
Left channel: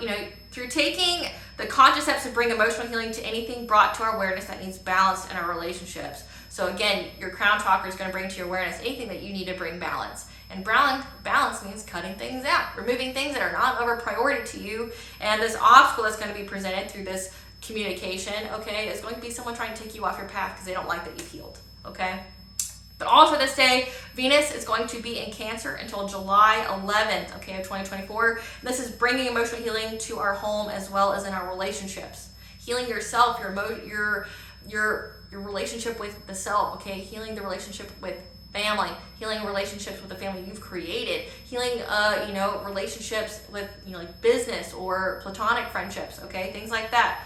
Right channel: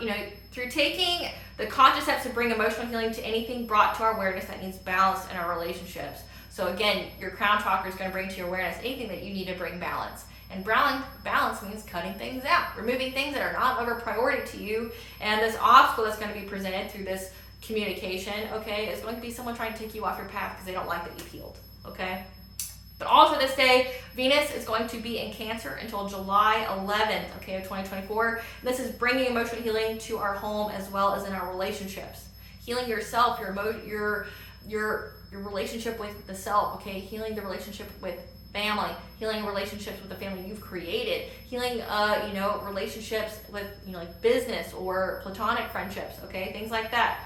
you know, through taking the conscious steps to bring emotional healing to anything brought to our awareness that needs balance in our relationships. So again, your crown chakra is going to bring to your awareness anything that you need to bring balance. And balance means cutting things out, removing things that are not of a priority to you. And this obstacle that's going to be presented through this communication, okay, is going to be someone trying to take you off your path because they don't like that you've healed, okay? But also this day, Venus is going to be in Cancer until July 11th, okay, of 2024. And this is bringing emotional healing to our home as well as in our relationships. Healing yourself, your relationship with the self, okay? Healing the relationship with family, healing relationships with the family you've created, healing, you know, relationships with, you know, like business or platonic friendships, okay? Things like that.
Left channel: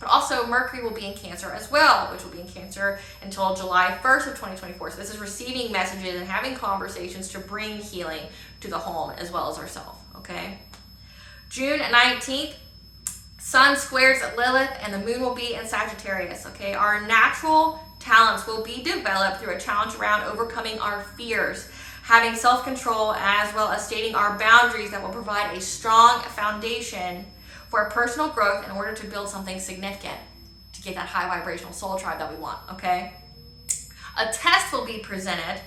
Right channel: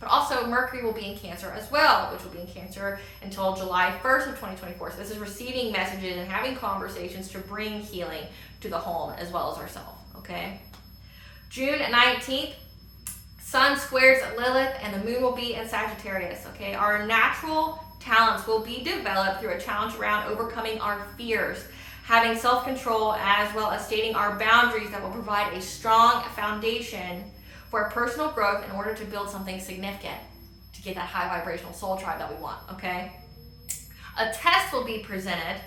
But also Mercury will be in Cancer as well, which will be in Cancer until July 1st of 2024. So this is receiving messages and having conversations to bring healing to the home as well as ourselves, okay? June 19th, Sun squares Lilith and the Moon will be in Sagittarius, okay? Our natural talents will be developed through a challenge around overcoming our fears, having self-control, as well as stating our boundaries that will provide a strong foundation for personal growth in order to build something significant, to get that high vibrational soul tribe that we want, okay? A test will be presented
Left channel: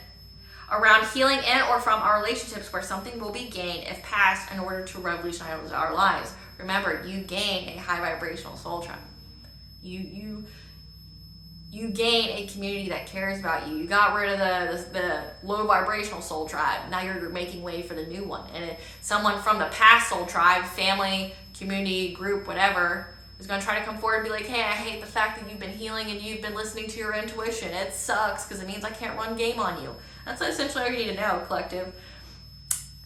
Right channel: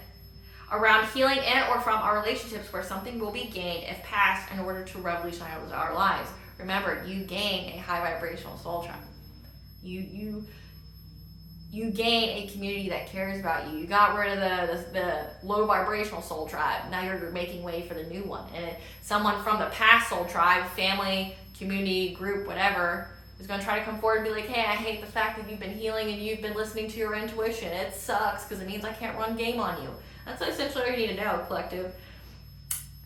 around healing in or from our relationships where something will be gained if passed in order to revolutionize our lives. Remember, you gain a high vibrational soul tribe. You gain a community that cares about you. You got rid of the low vibrational soul tribe. Now you're making way for the new one. And someone from the past soul tribe, family, community, group, whatever, is going to try to come forward and be like, hey, I hate the fact that you've been healing and you've been listening to your intuition. It sucks because it means I can't run game on you. That's essentially all you need to know, collective.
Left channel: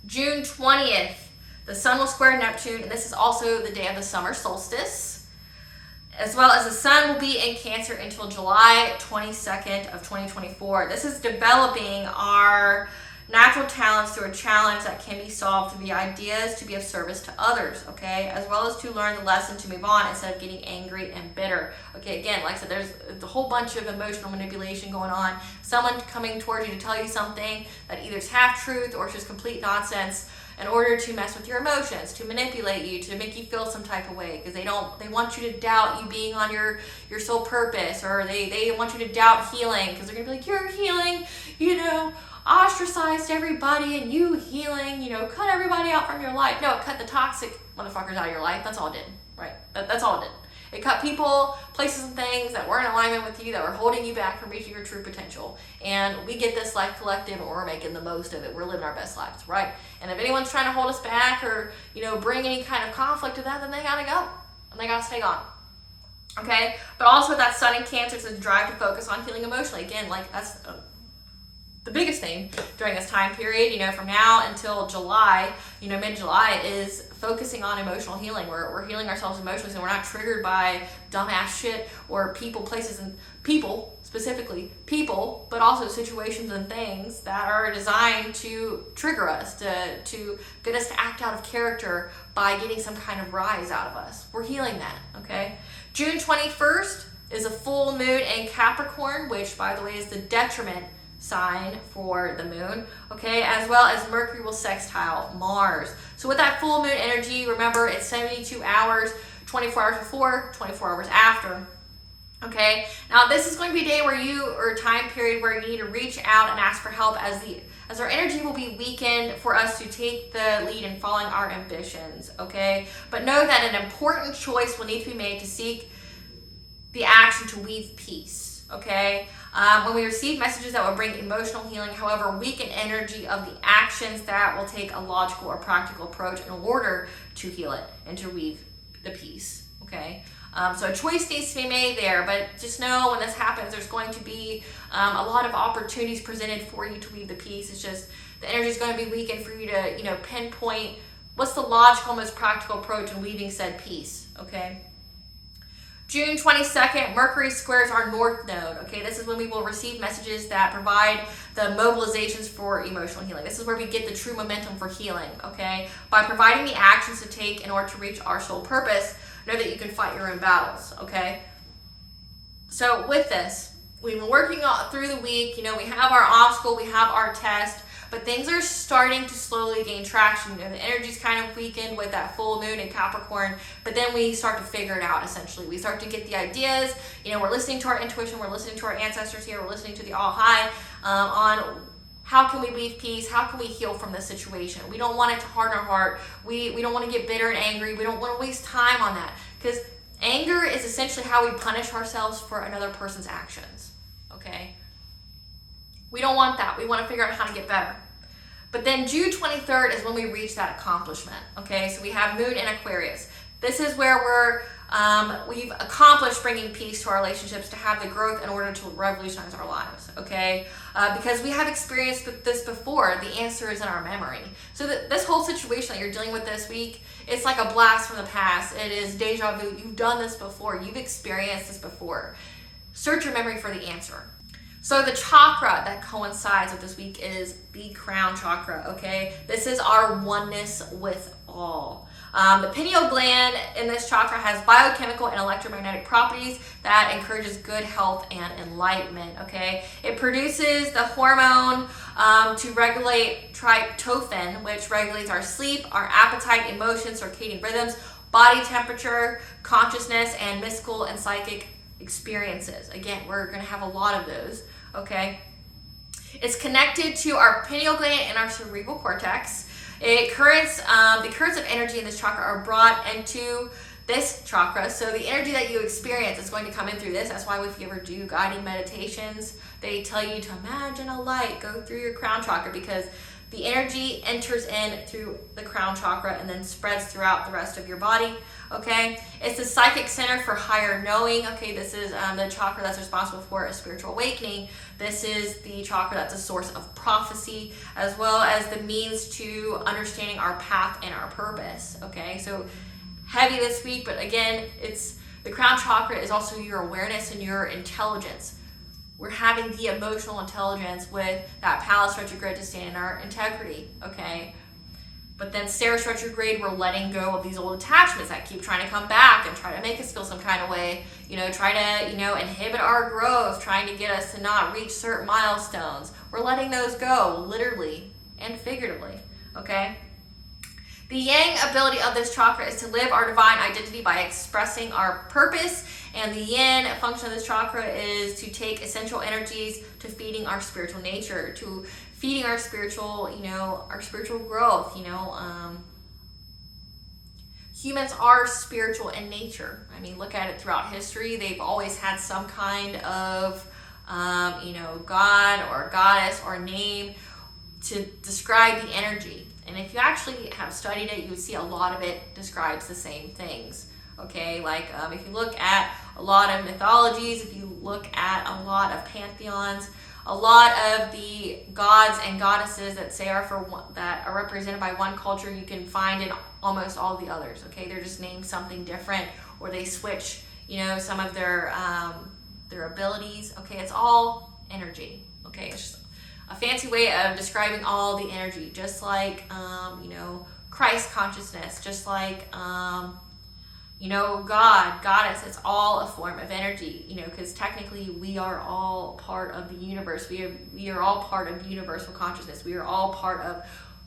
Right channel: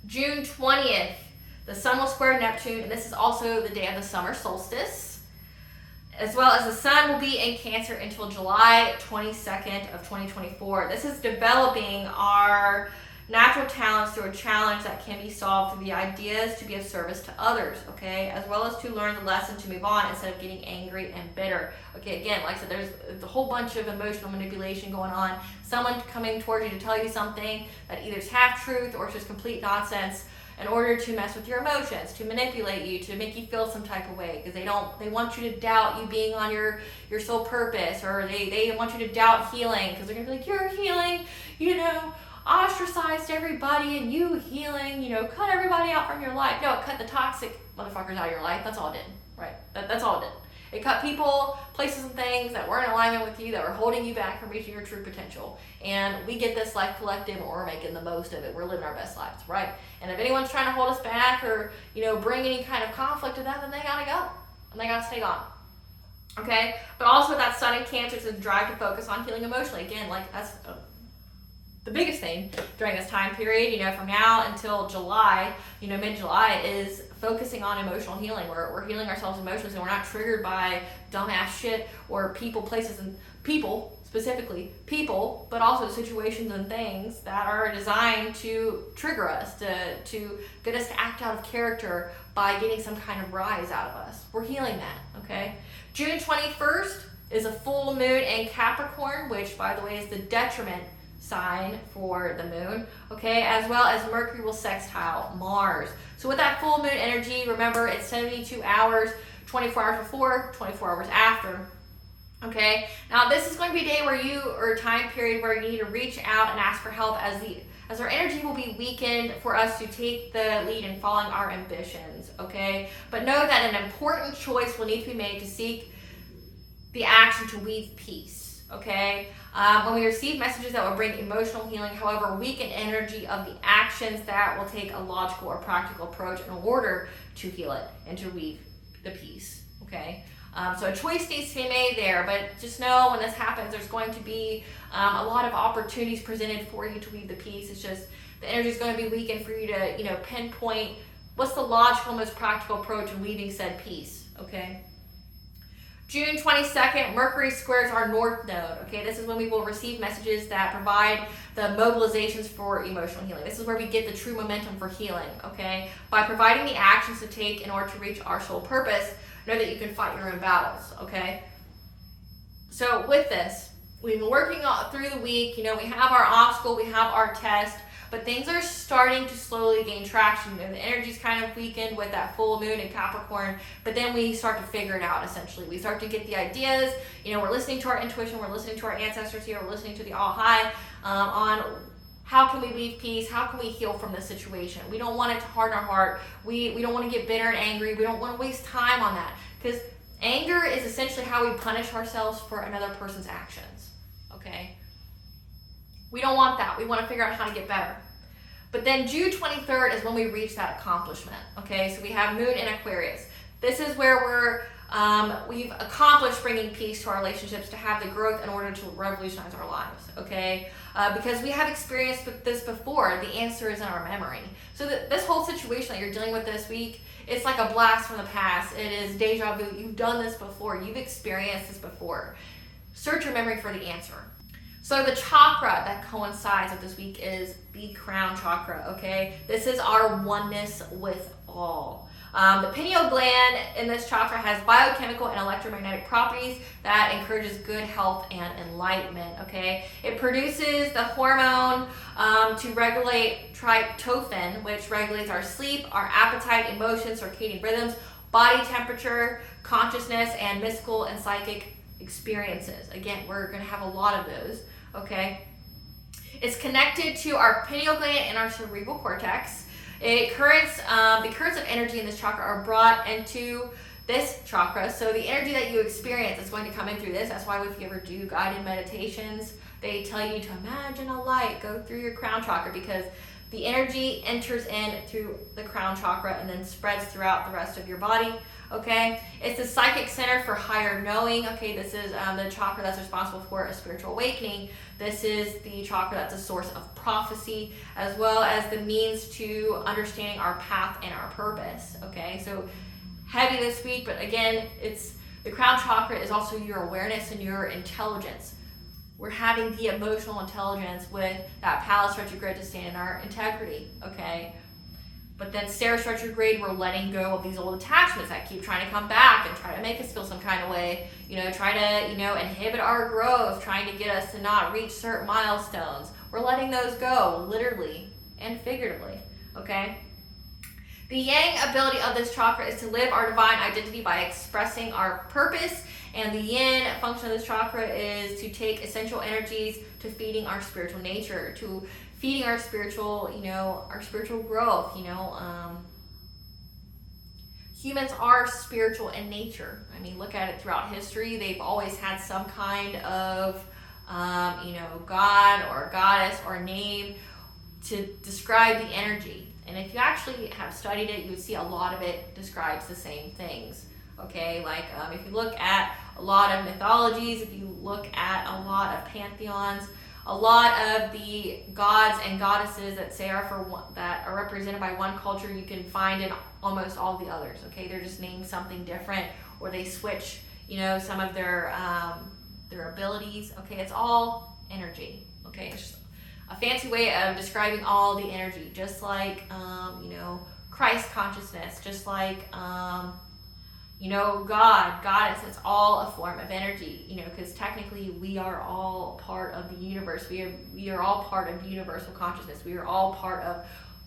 June 20th, the Sun will square Neptune, and this is also the day of the summer solstice, as well as the Sun will be in Cancer until July 22nd of 2024. This is developing our natural talents through a challenge that can be solved through the ideas to be of service to others, okay? As well as to learn the lesson to move on instead of getting angry and bitter. Okay, again, like I said, there's a whole bunch of emotional manipulation going on. Someone coming towards you to tell you something that either is half truth or it's just complete nonsense in order to mess with your emotions, to manipulate you, to make you feel some type of way, because they want you to doubt you being on your soul purpose, or they want you to doubt healing, because they're gonna be like, you're healing, you know, ostracized everybody and you healing, you know, cut everybody out from your life. No, it cut the toxic motherfuckers out of your life. That's all it did, right? That's all it did. It cut people, places, and things that weren't in alignment with you, that were holding you back from reaching your true potential. And we get this life collective, and we're making the most of it. We're living our best lives, right? And if anyone's trying to hold us back or, you know, bring any kind of conflict to that, then they gotta go. And they gotta stay gone. Okay? But also that Sun in Cancer is a drive to focus on healing emotionally. Again, like that's the biggest thing during this time period, you know, from now until July, you know, mid-July, is focusing on emotional healing. We're healing ourselves emotionally, so we're not triggered by dumbass shit or people, places, and people, specifically people, but also situations and things that are designed to trigger us, to get us to act out of character by getting some kind of rise out of us. We're healing that, okay? June 21st is a full moon in Capricorn, which, by the way, is the detriment sign for the moon, okay, as well as Mercury will sextile Mars. So with that full moon energy, remember, it's 72 hours, 24 hours before, 24 hours after, okay? Now this is going to be a day where or a time period where you need to reach out and ask for help, as our energy will be weakened for us to take the lead in following our ambitions, okay? But know that an important choice will need to be made to seek the action to weave peace, okay? When we receive messages that will bring emotional healing, however, weaken energy of the actions that will take a logical or practical approach in order to heal it and to weave the peace, okay? So a choice needs to be made there, but just know when this happens, there's going to be a lot of opportunities presented for you to weave the peace. It's just the energy is going to be weakened for you to, you know, pinpoint what's the logical, most practical approach in weaving said peace, okay? June 22nd, Mercury squares our North Node. Okay, this is when we will receive messages that provide the mobilizations for emotional healing. This is where we get the true momentum for healing, okay? By providing the actions to take in order to reach our soul purpose, know that you can fight your own battles, okay? So with this, we've been working through the week. We have our obstacle, we have our test, but things are starting to slowly gain traction. The energy's kind of weakened with that full moon in Capricorn, but then we start to figure it out, essentially. We start to get the ideas. We're listening to our intuition, we're listening to our ancestors here, we're listening to the All High on how can we leave peace, how can we heal from this situation. We don't want it to harden our heart. We don't want to get bitter and angry. We don't want to waste time on that, because anger is essentially how we punish ourselves for another person's actions, okay? We don't want that. We want to figure out how to get better. But then June 23rd is when we reach that accomplishment, okay? So we have Moon in Aquarius. This is where we've accomplished bringing peace to our relationships, to have the growth in order to revolutionize our lives, okay? Because we have experienced this before. The answer is in our memory. So this whole situation that you're dealing with this week, it's like a blast from the past. It is deja vu. You've done this before. You've experienced this before. Search your memory for the answer. So the chakra that coincides with this week is the crown chakra, okay? This is our oneness with all. The pineal gland in this chakra has biochemical and electromagnetic properties that encourages good health and enlightenment, okay? It produces the hormone to regulate tryptophan, which regulates our sleep, our appetite, emotions, circadian rhythms, body temperature, consciousness, and mystical and psychic experiences. Again, we're going to have a lot of those, okay? It's connected to our pineal gland and our cerebral cortex. The currents of energy in this chakra are brought into this chakra. So the energy that you experience is going to come in through this. That's why if you ever do guided meditations, they tell you to imagine a light go through your crown chakra, because the energy enters in through the crown chakra and then spreads throughout the rest of your body, okay? It's the psychic center for higher knowing, okay? This is the chakra that's responsible for a spiritual awakening. This is the chakra that's a source of prophecy, as well as the means to understanding our path and our purpose, okay? So heavy this week, but again, it's the crown chakra is also your awareness and your intelligence. We're having the emotional intelligence with that Pallas retrograde to stand in our integrity, okay? But then Ceres retrograde, we're letting go of these old attachments that keep trying to come back and try to make us feel some kind of way, try to, inhibit our growth, trying to get us to not reach certain milestones. We're letting those go, literally and figuratively, okay? The yang ability of this chakra is to live our divine identity by expressing our purpose, and the yin function of this chakra is to take essential energies to feeding our spiritual nature, to feeding our spiritual, our spiritual growth. Humans are spiritual in nature. I mean, look at it throughout history. They've always had some kind of, God or goddess or name to describe the energy. And if you actually have studied it, you would see a lot of it describes the same things, okay? Like if you look at a lot of mythologies, if you look at a lot of pantheons, a lot of the gods and goddesses that that are represented by one culture, you can find in almost all the others, okay? They're just named something different, or they switch, some of their abilities, okay? It's all energy, okay? It's just a fancy way of describing all the energy, just like, Christ consciousness, just like, God, goddess, it's all a form of energy, because technically we are all part of the universe. We are all part of universal consciousness. We are all part of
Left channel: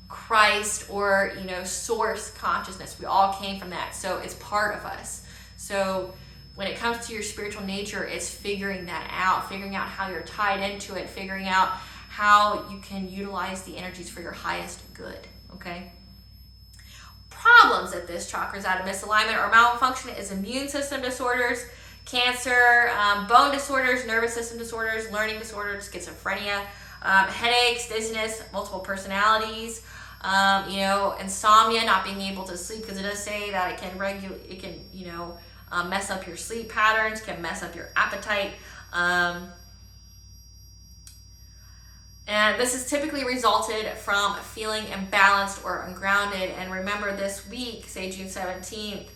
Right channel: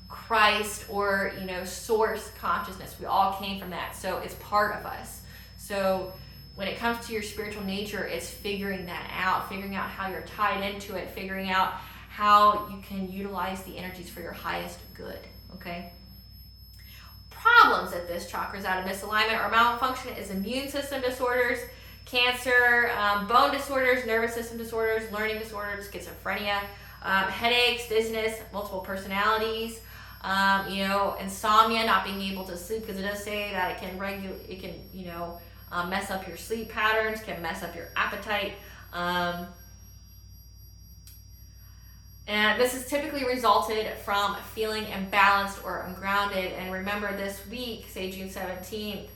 Christ or, source consciousness. We all came from that. So it's part of us. So when it comes to your spiritual nature, it's figuring that out, figuring out how you're tied into it, figuring out how you can utilize the energies for your highest good, okay? Problems if this chakra is out of misalignment or malfunction is immune system disorders, cancer, bone disorders, nervous system disorders, learning disorders, schizophrenia, headaches, dizziness, multiple personalities, insomnia, not being able to sleep, because it does say that it can mess up your sleep patterns, can mess up your appetite. And this is typically resulted from feeling imbalanced or ungrounded. And remember, this week, say June 17th,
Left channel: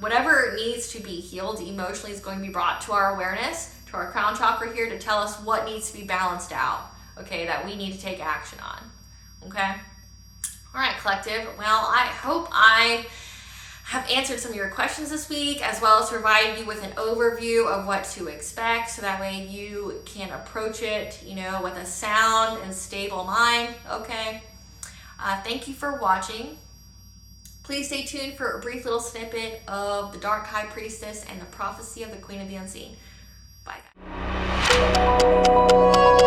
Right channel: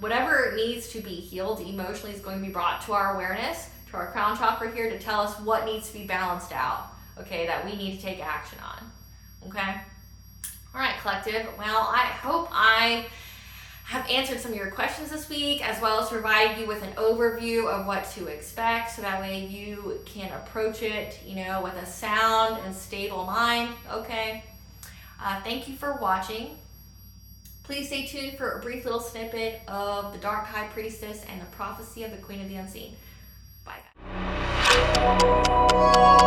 Whatever needs to be healed emotionally is going to be brought to our awareness, to our crown chakra here, to tell us what needs to be balanced out, okay, that we need to take action on, okay? All right, collective. Well, I hope I have answered some of your questions this week, as well as provided you with an overview of what to expect, so that way you can approach it, you know, with a sound and stable mind, okay? Thank you for watching. Please stay tuned for a brief little snippet of the Dark High Priestess and the prophecy of the Queen of the Unseen. Bye, guys.